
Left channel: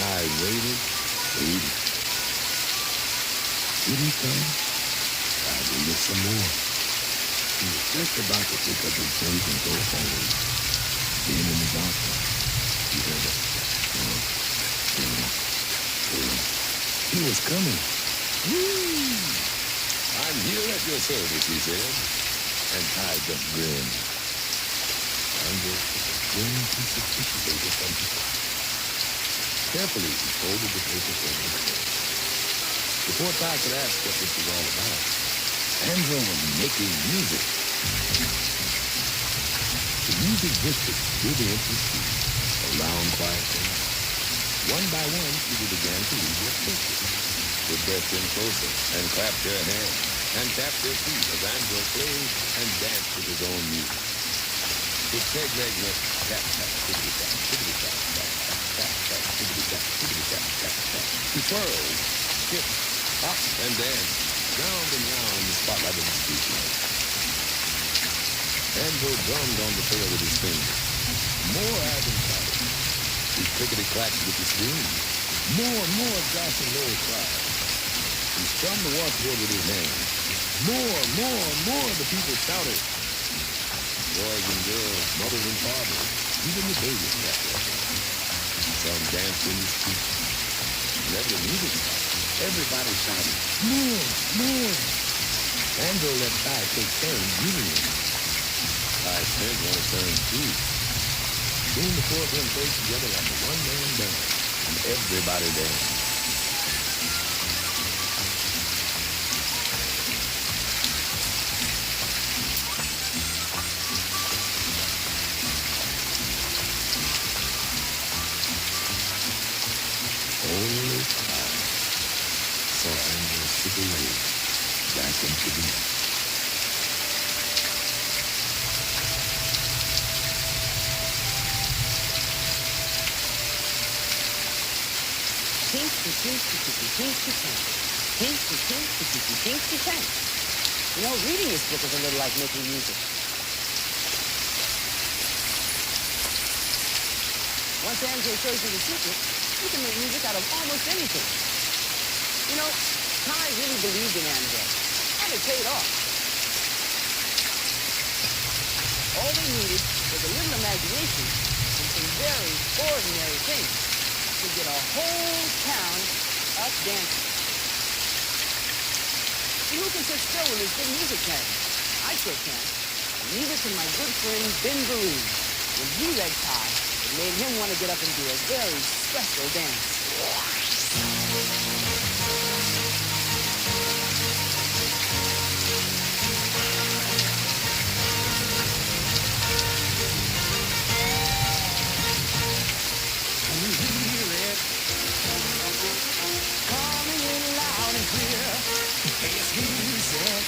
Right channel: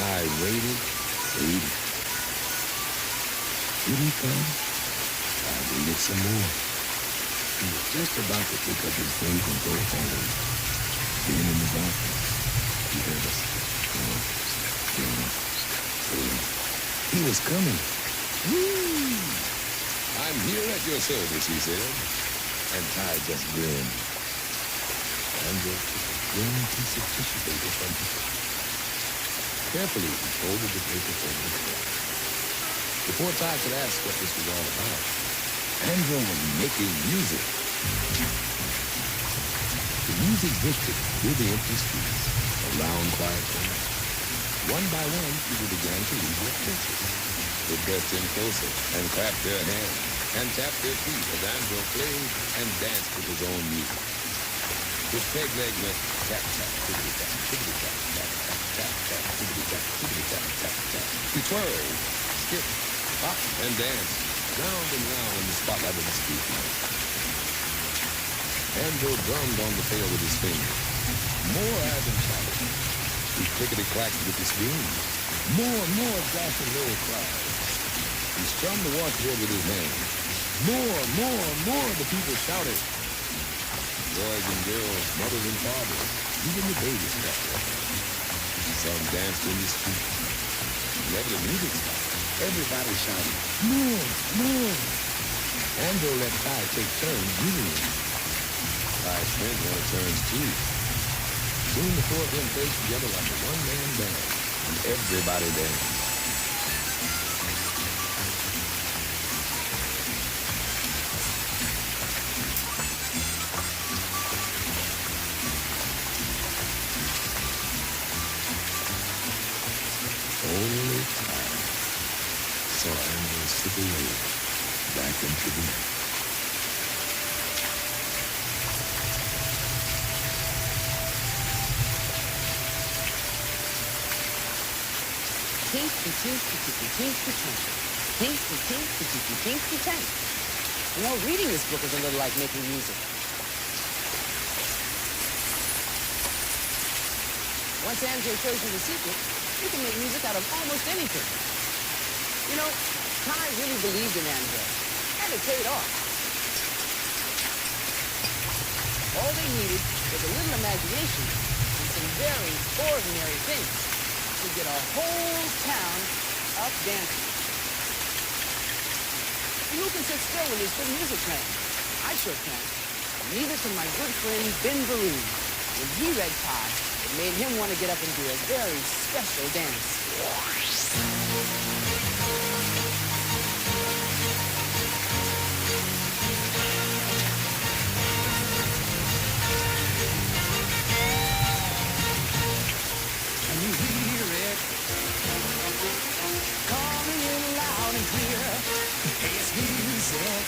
I waited. Did he come? I waited some more. He was just about to pick up his things and go home. Then in the darkness, he heard a step. He was coming. Woo! I'm here at your service, he said. And Ty just grinned. Andrew took a thin piece of tissue paper from his pocket. Carefully, he folded the paper over the coat. Before Ty could ask what this was all about, Andrew was making music. The music drifted through the empty streets, around quiet corners. One by one, people began to leave their places. They pressed in closer and clapped their hands and tapped their feet as Andrew played and danced with his own music. His peg leg went tap, tap, tickety-tap, tickety-tap, tap, tap, tap, tap, tickety-tap, tickety-tap, tap, tap. He twirled, skipped, hopped, and danced, round and round in the spotlight of the street light. Andrew drummed on the pail with his fingers. More Ivan shouted. He clickety-clacked with his spoon. More, Josh and Noel cried. He strummed the washboard with his hands. More, the people shouted. Boys and girls, mothers and fathers, even the babies clapped their hands. Some danced in the street. Whenever the music stopped, everybody shouted, more. Andrew let Ty take turns using it. Ty's friends wanted turns too. Soon the 4 of them played together like a one-man band, and everybody danced. Only Ty saw Andrew slip away back into the night. Tinky, tinky, tinky, tinky, tank. Tinky, tinky, tinky, tinky, tank. You know, reading this book is a little like making music. Once Andrew shows you the secret, you can make music out of almost anything. You know, Ty really believed in Andrew, and it paid off. All they needed was a little imagination and some very ordinary things to get a whole town up dancing. See, who can sit still when there's good music playing? I sure can. Neither can my good friend Ben Vereen. When he read Ty, it made him want to get up and do a very special dance. Can you hear it? Coming in loud and clear. Hey, it's music.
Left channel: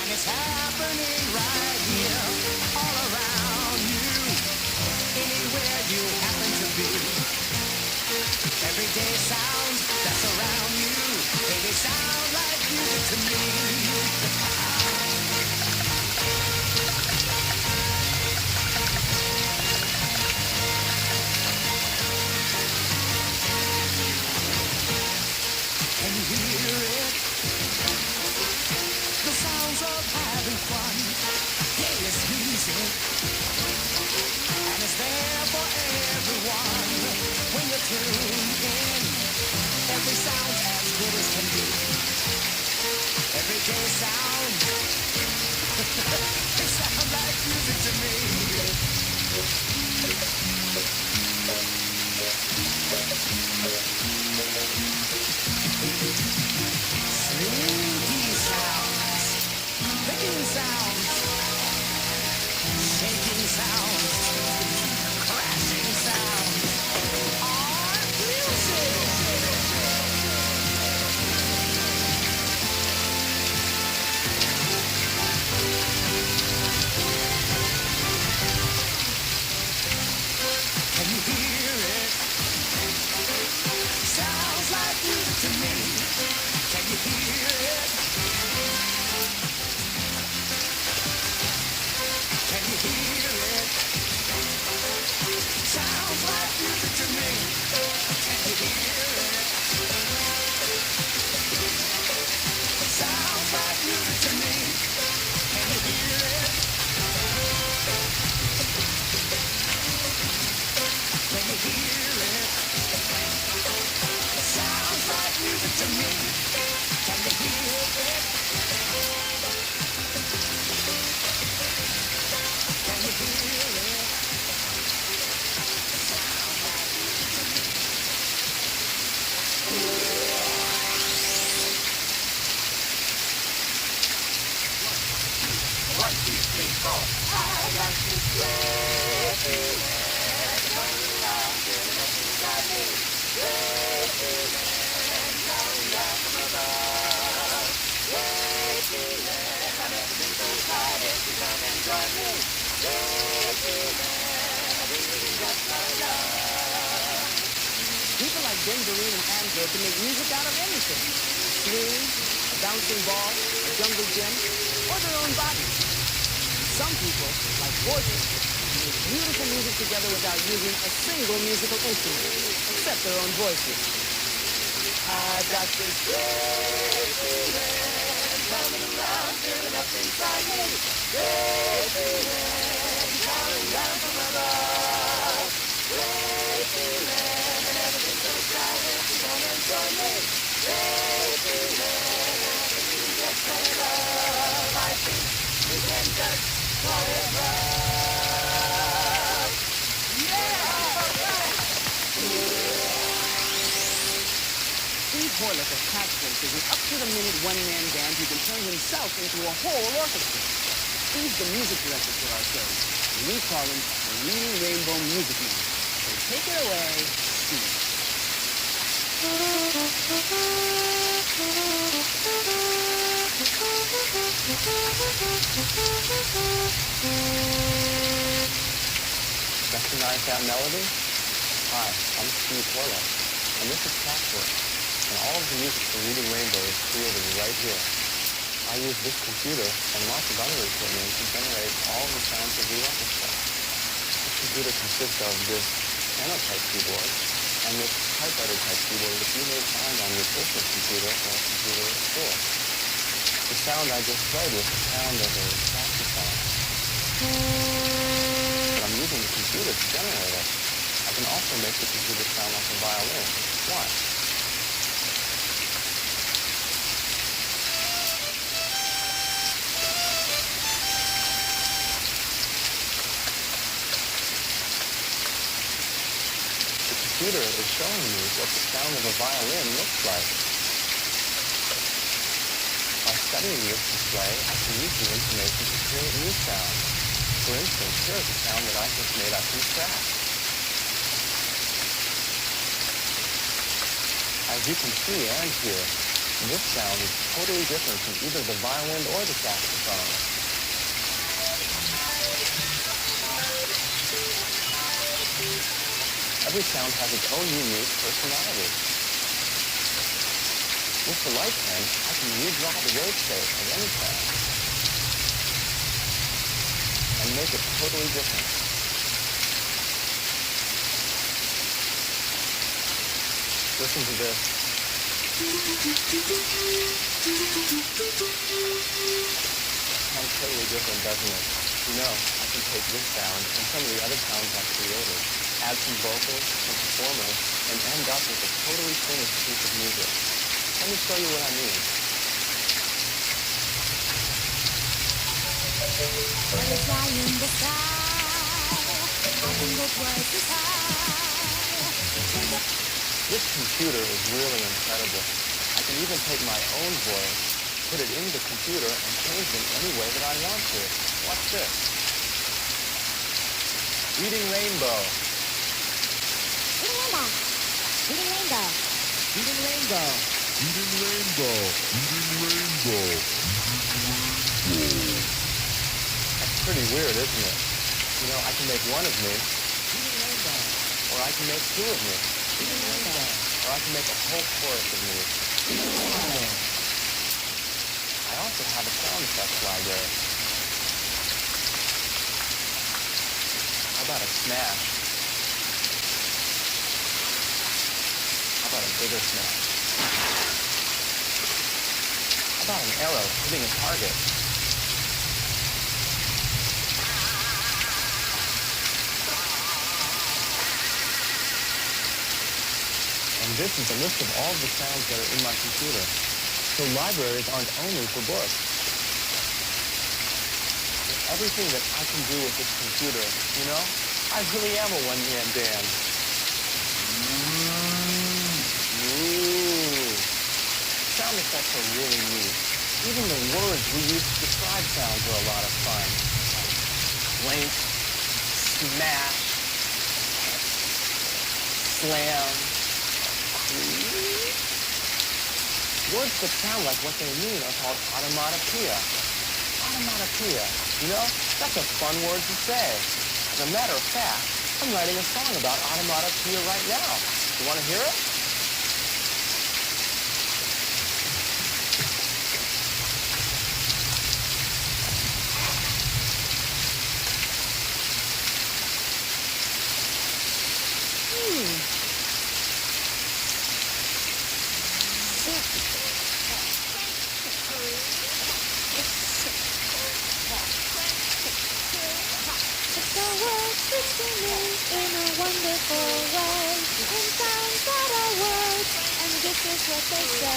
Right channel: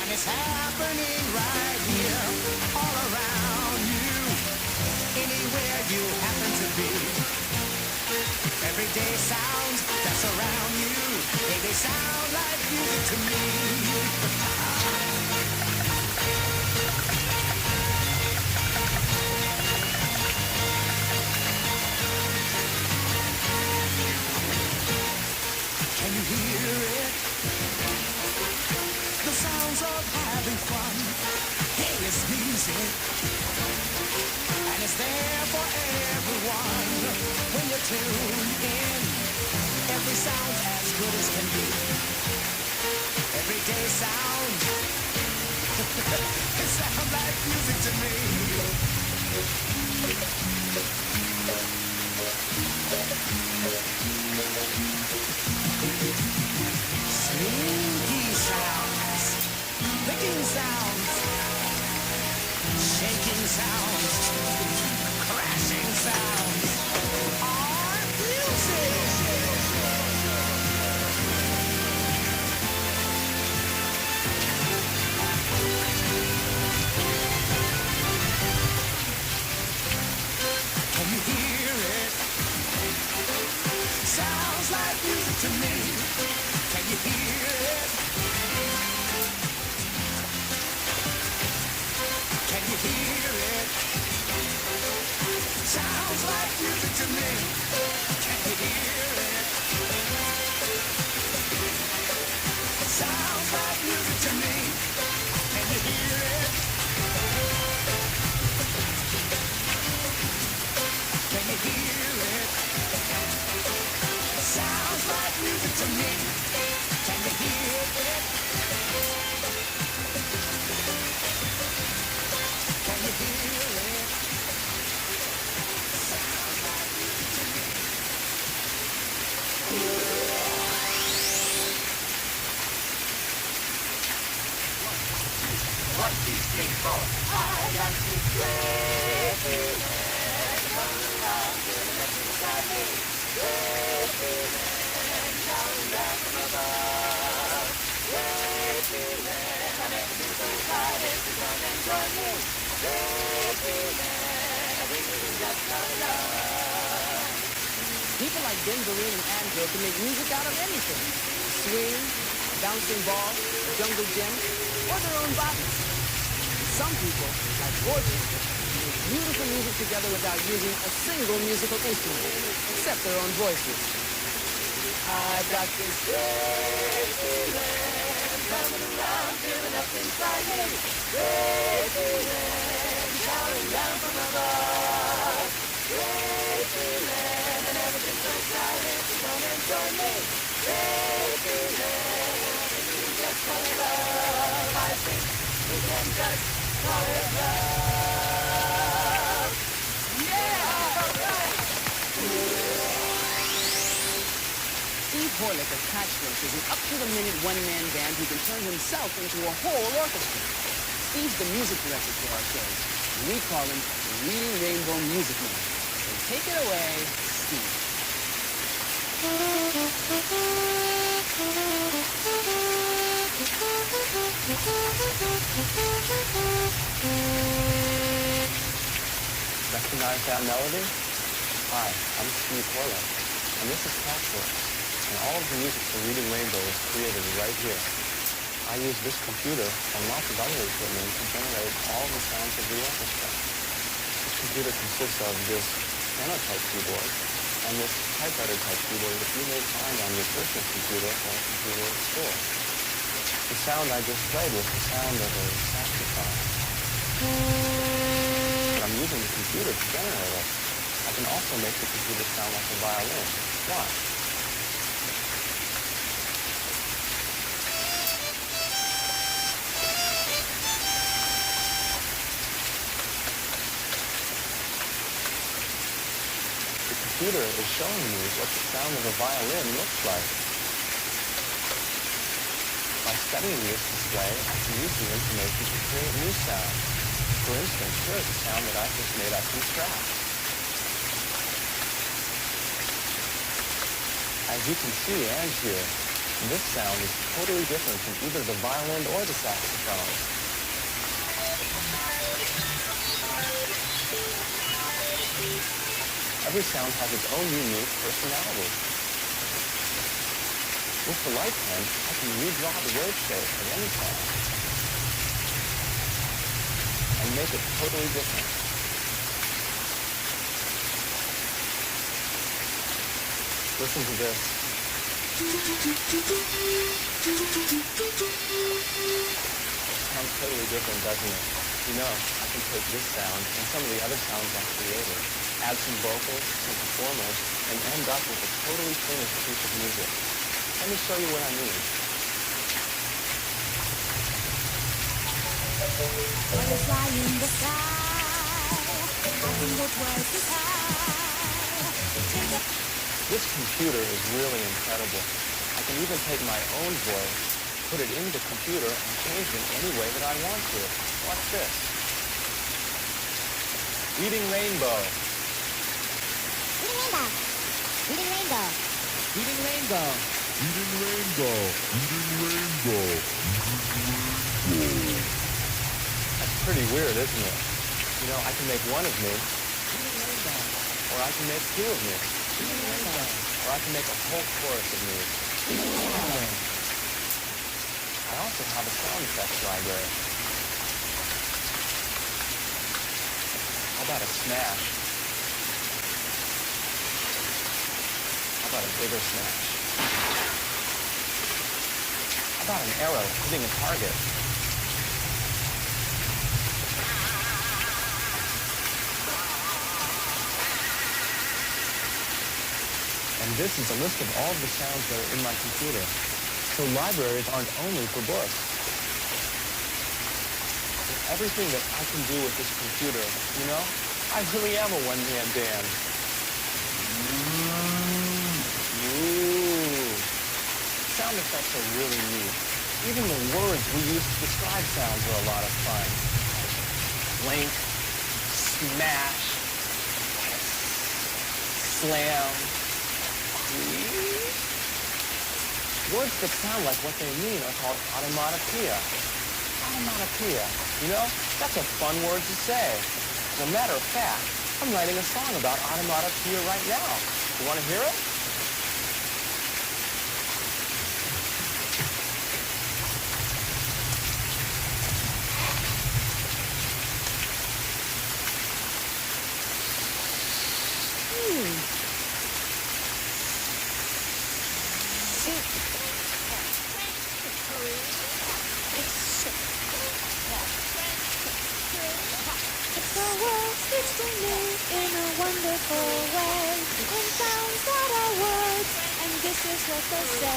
And it's happening right here, all around you. Anywhere you happen to be. Everyday sounds that surround you. Hey, they sound like music to me. Can you hear it? The sounds of having fun. Hey, it's music. tune in. Every sound as good as can be. Everyday sound. It sounds like music to me. Slinky sounds, clicking sounds, shaking sounds, crashing sounds are music. Can you hear it? Sounds like music to me. Can you hear it? Can you hear it? Sounds like music to me. Can you hear it? Sounds like music to me. Can you hear it? Can you hear it? Sounds like music to me. Can you hear it? Can you hear it? Sounds like music to me. One, two, three, four. I got this great feeling coming around, feeling up inside me. Great feeling coming down from above. Great feeling, I've never been so excited to come and join me. Great feeling, I think we can just fall in love. People like Ben Vereen and Angelo can make music out of anything. A swing, a bouncing ball, a jungle gym, or their own bodies. Some people, like Fortune, make beautiful music together without using a single musical instrument, except their own voices. I've got this great feeling coming around, feeling up inside me. Great feeling showering down from above. Great feeling, and never been so excited to come and join me. Great feeling, I think we can just call it love. I think we can just call it love. Yeah! All right! Steve Horlick of Patchwork is an up-to-the-minute one-man band who can turn himself into a whole orchestra. Steve's the music director for our shows, and we call him the Reading Rainbow Music Man. So take it away, Steve. Recognize that melody? Hi, I'm Steve Horlick, and this is Patchwork. And all of the music for Reading Rainbow is created right here. I use this computer and lots of other equipment to generate all the sounds of the orchestra. This computer consists of this piano-type keyboard and this typewriter-type keyboard that you may find on your personal computer or computer at school. The sound I just played was the sound of a saxophone. But I'm using the computer to generate it. I can also make the computer sound like a violin. Watch. The computer is showing me what the sound of a violin looks like. By studying this display, I can use the information to create new sounds. For instance, here is a sound that I just made up from scratch. As you can see and hear, this sound is totally different from either the violin or the saxophone. Every sound has its own unique personality. With the light pen, I can redraw the wave shape of any sound and make it totally different. Listen to this. Sounds totally different, doesn't it? You know, I can take this sound and some of the other sounds I created, add some vocals, some performers, and and end up with a totally finished piece of music. Let me show you what I mean. Butterfly in the sky, I can go twice as high. Take a This computer is really incredible. I can even take my own voice, put it into the computer, and change it in any way that I want to. Watch this. Reading Rainbow. Reading Rainbow. Reading Rainbow. Reading Rainbow. Reading Rainbow. Reading Rainbow. That's pretty weird, isn't it? You know, I can make one of me, Reading Rainbow. or I can make two of me, Reading Rainbow. or I can make a whole chorus of me. Reading Rainbow. I also have a sound effects library. How about a smash? How about a bigger smash? How about an arrow hitting a target? And this is a list of all of the sounds that are in my computer. So libraries aren't only for books. With everything that I can do with this computer, you know, I really am a one-man band. Ooh. Sound effects are really neat. Even the words we use to describe sounds are a lot of fun. Like clink, smash, hiss, slam, creak. Words that sound like what they mean are called automatopoeia. Automatopoeia. You know, that's a fun word to say. As a matter of fact, I'm writing a song about automatopoeia right now. You want to hear it? It's the world speaks to me in a wonderful way, in sounds that are words, and this is what they say.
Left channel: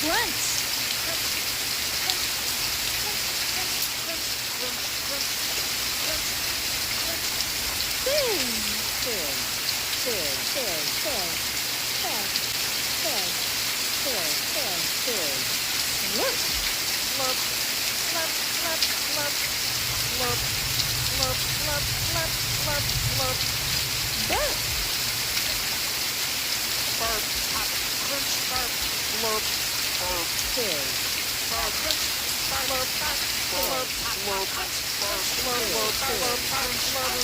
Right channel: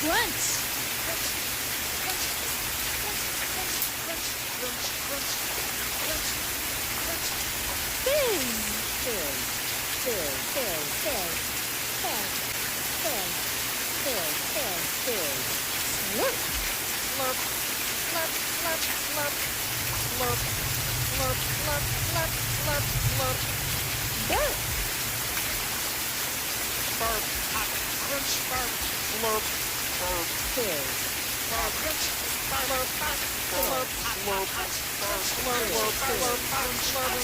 Crunch. Fizz, fizz, fizz, fizz, fizz, fizz, fizz, fizz, fizz, fizz. Slurp, slurp, slurp, slurp, slurp, slurp, slurp, slurp, slurp, slurp, slurp. Burp. Burp, crunch, burp, slurp, burp, fizz. Burp, crunch, slurp, burp, slurp, slurp, burp, slurp, slurp, slurp,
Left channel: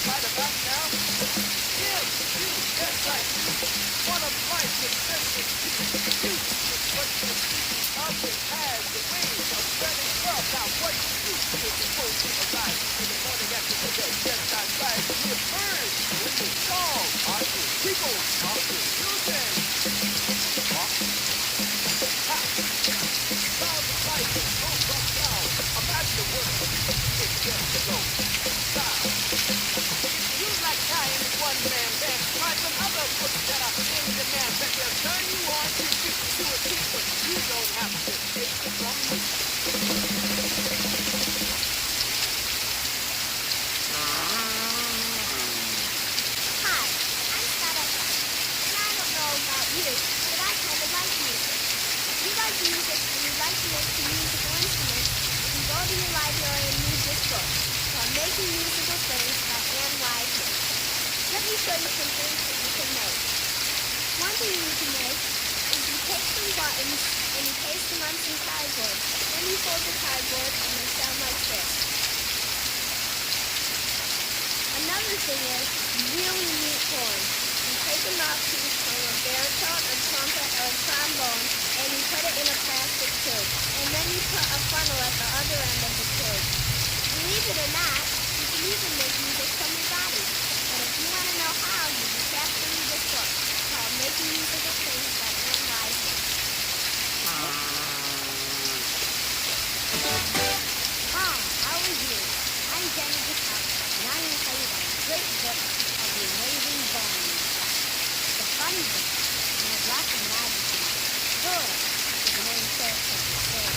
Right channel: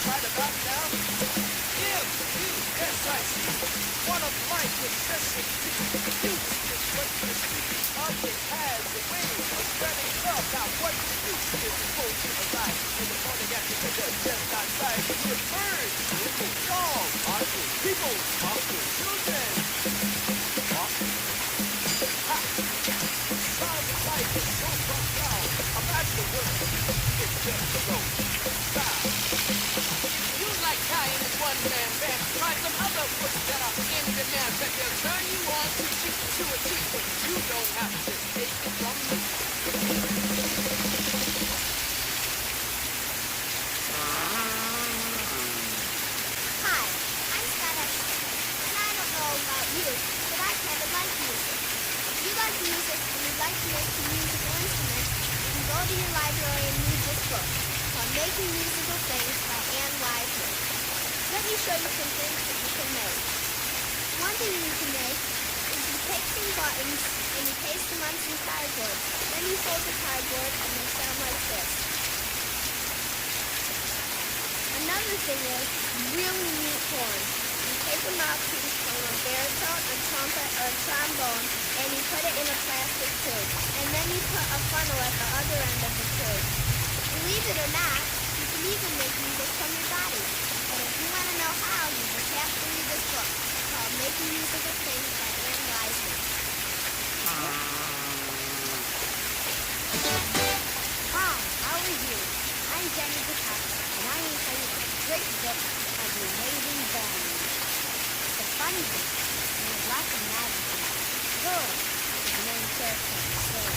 Right about now, M-U-S-I-C, one of life's necessities. Music is what you're speaking of. It has a way of spreading love. Now what you feel supposed to arise in the morning after dinner, just outside. You hear birds, songs, people, children. Ha! Sound of life is so profound. Imagine the world. It's just so sound. If you like Italian and one-man band, try some other books that are in demand that will turn you on to a T, but you don't have to take it from me. Hi, I'm Scott Edson, and I don't know about you, but I kind of like music. If you like music and you'd like to make some musical instruments, you can go to your library and read this book called Making Musical Things by Anne Wiseman. Let me show you some things that you can make. One thing you can make is you take some buttons and you paste them on some cardboard. Then you fold the cardboard and they sound like this. Another thing is really neat horns. You take a mouthpiece from a bear out a trumpet or a trombone and you put it in a plastic tube. And then you put a funnel at the other end of the tube. Believe it or not, you can even make music from your body. But if you want to know how, you just have to read this book called Making Musical Things by Anne Wiseman. Hi, how are you? I'm Jenny Guitar, and I'm going to tell you about a great book called The Amazing Bones. It's a funny book, and has lots of magic in it. Pearl is the main character of the story.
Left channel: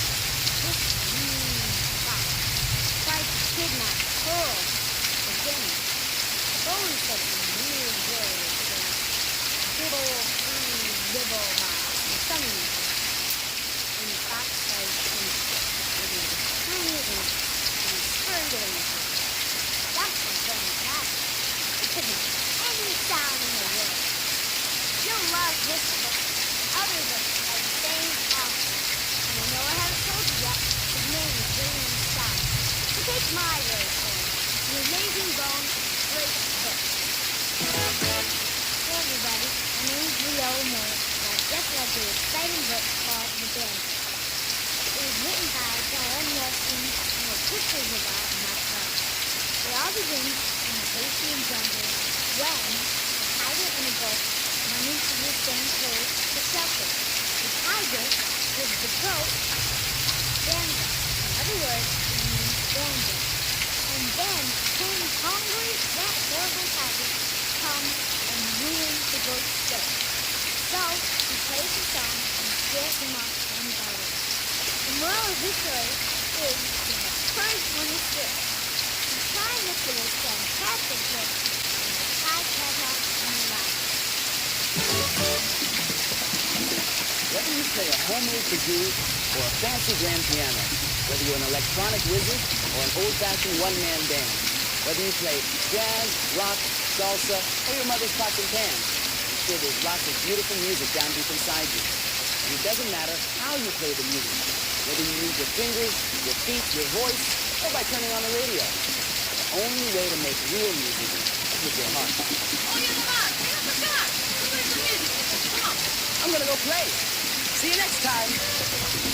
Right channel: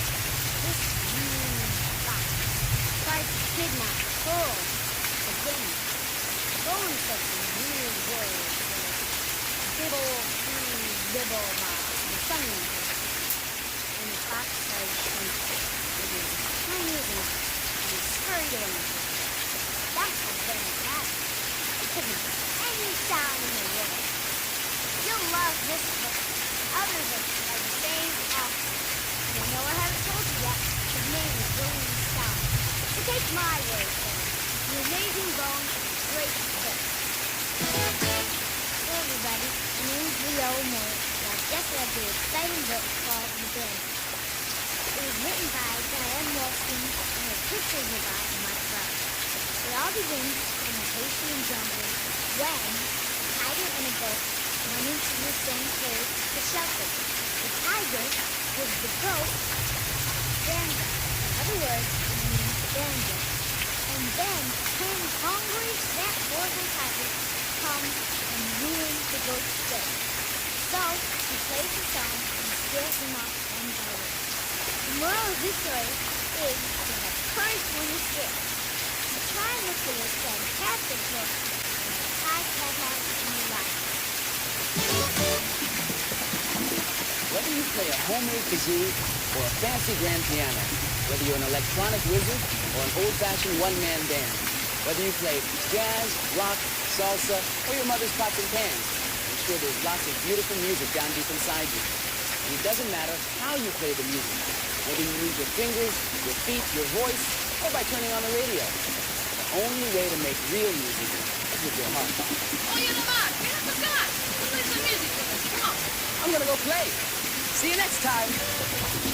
This mean fox tried to kidnap Pearl, the guinea. Bones said some weird words, dibble, dibble, and something. And the fox started thinking it was as tiny as a mouse, and he scurried away into it. That's how Bones got it. It could make any sound in the world. You'll love this book and other books by the same author. And I know I haven't told you yet, his name is William Stein. So take my word for it. The Amazing Bones is a great book. Hello everybody, my name is Leo Moore, and I've just read the exciting book called The Band. It was written by Diane Wilson and the pictures are by Mike Brown. It all begins in a Haitian jungle when a tiger and a goat run into the same cave to shelter. The tiger was the goat Banjo. In other words, it means banjo. And then 10 hungry, fat, horrible tigers come and ruin the goat's day. So he plays a song and scares them off one by one. The moral of this story is to have courage when you're scared. So try and look for this fantastic book in the Sky catalog in your library. Whether you play a homemade kazoo or a fancy grand piano, whether you're an electronic wizard or an old-fashioned one-man band, whether you play jazz, rock, salsa, or your mother's pots and pans, I'm sure there's lots of beautiful music down deep inside you. And it doesn't matter how you play the music, whether you use your fingers, your feet, your voice, or by turning on the radio. The only way to make real music is with your heart. Oye, Lamar, get up and come. Let's play some music with us. Come on. I'm gonna go play. See you next time.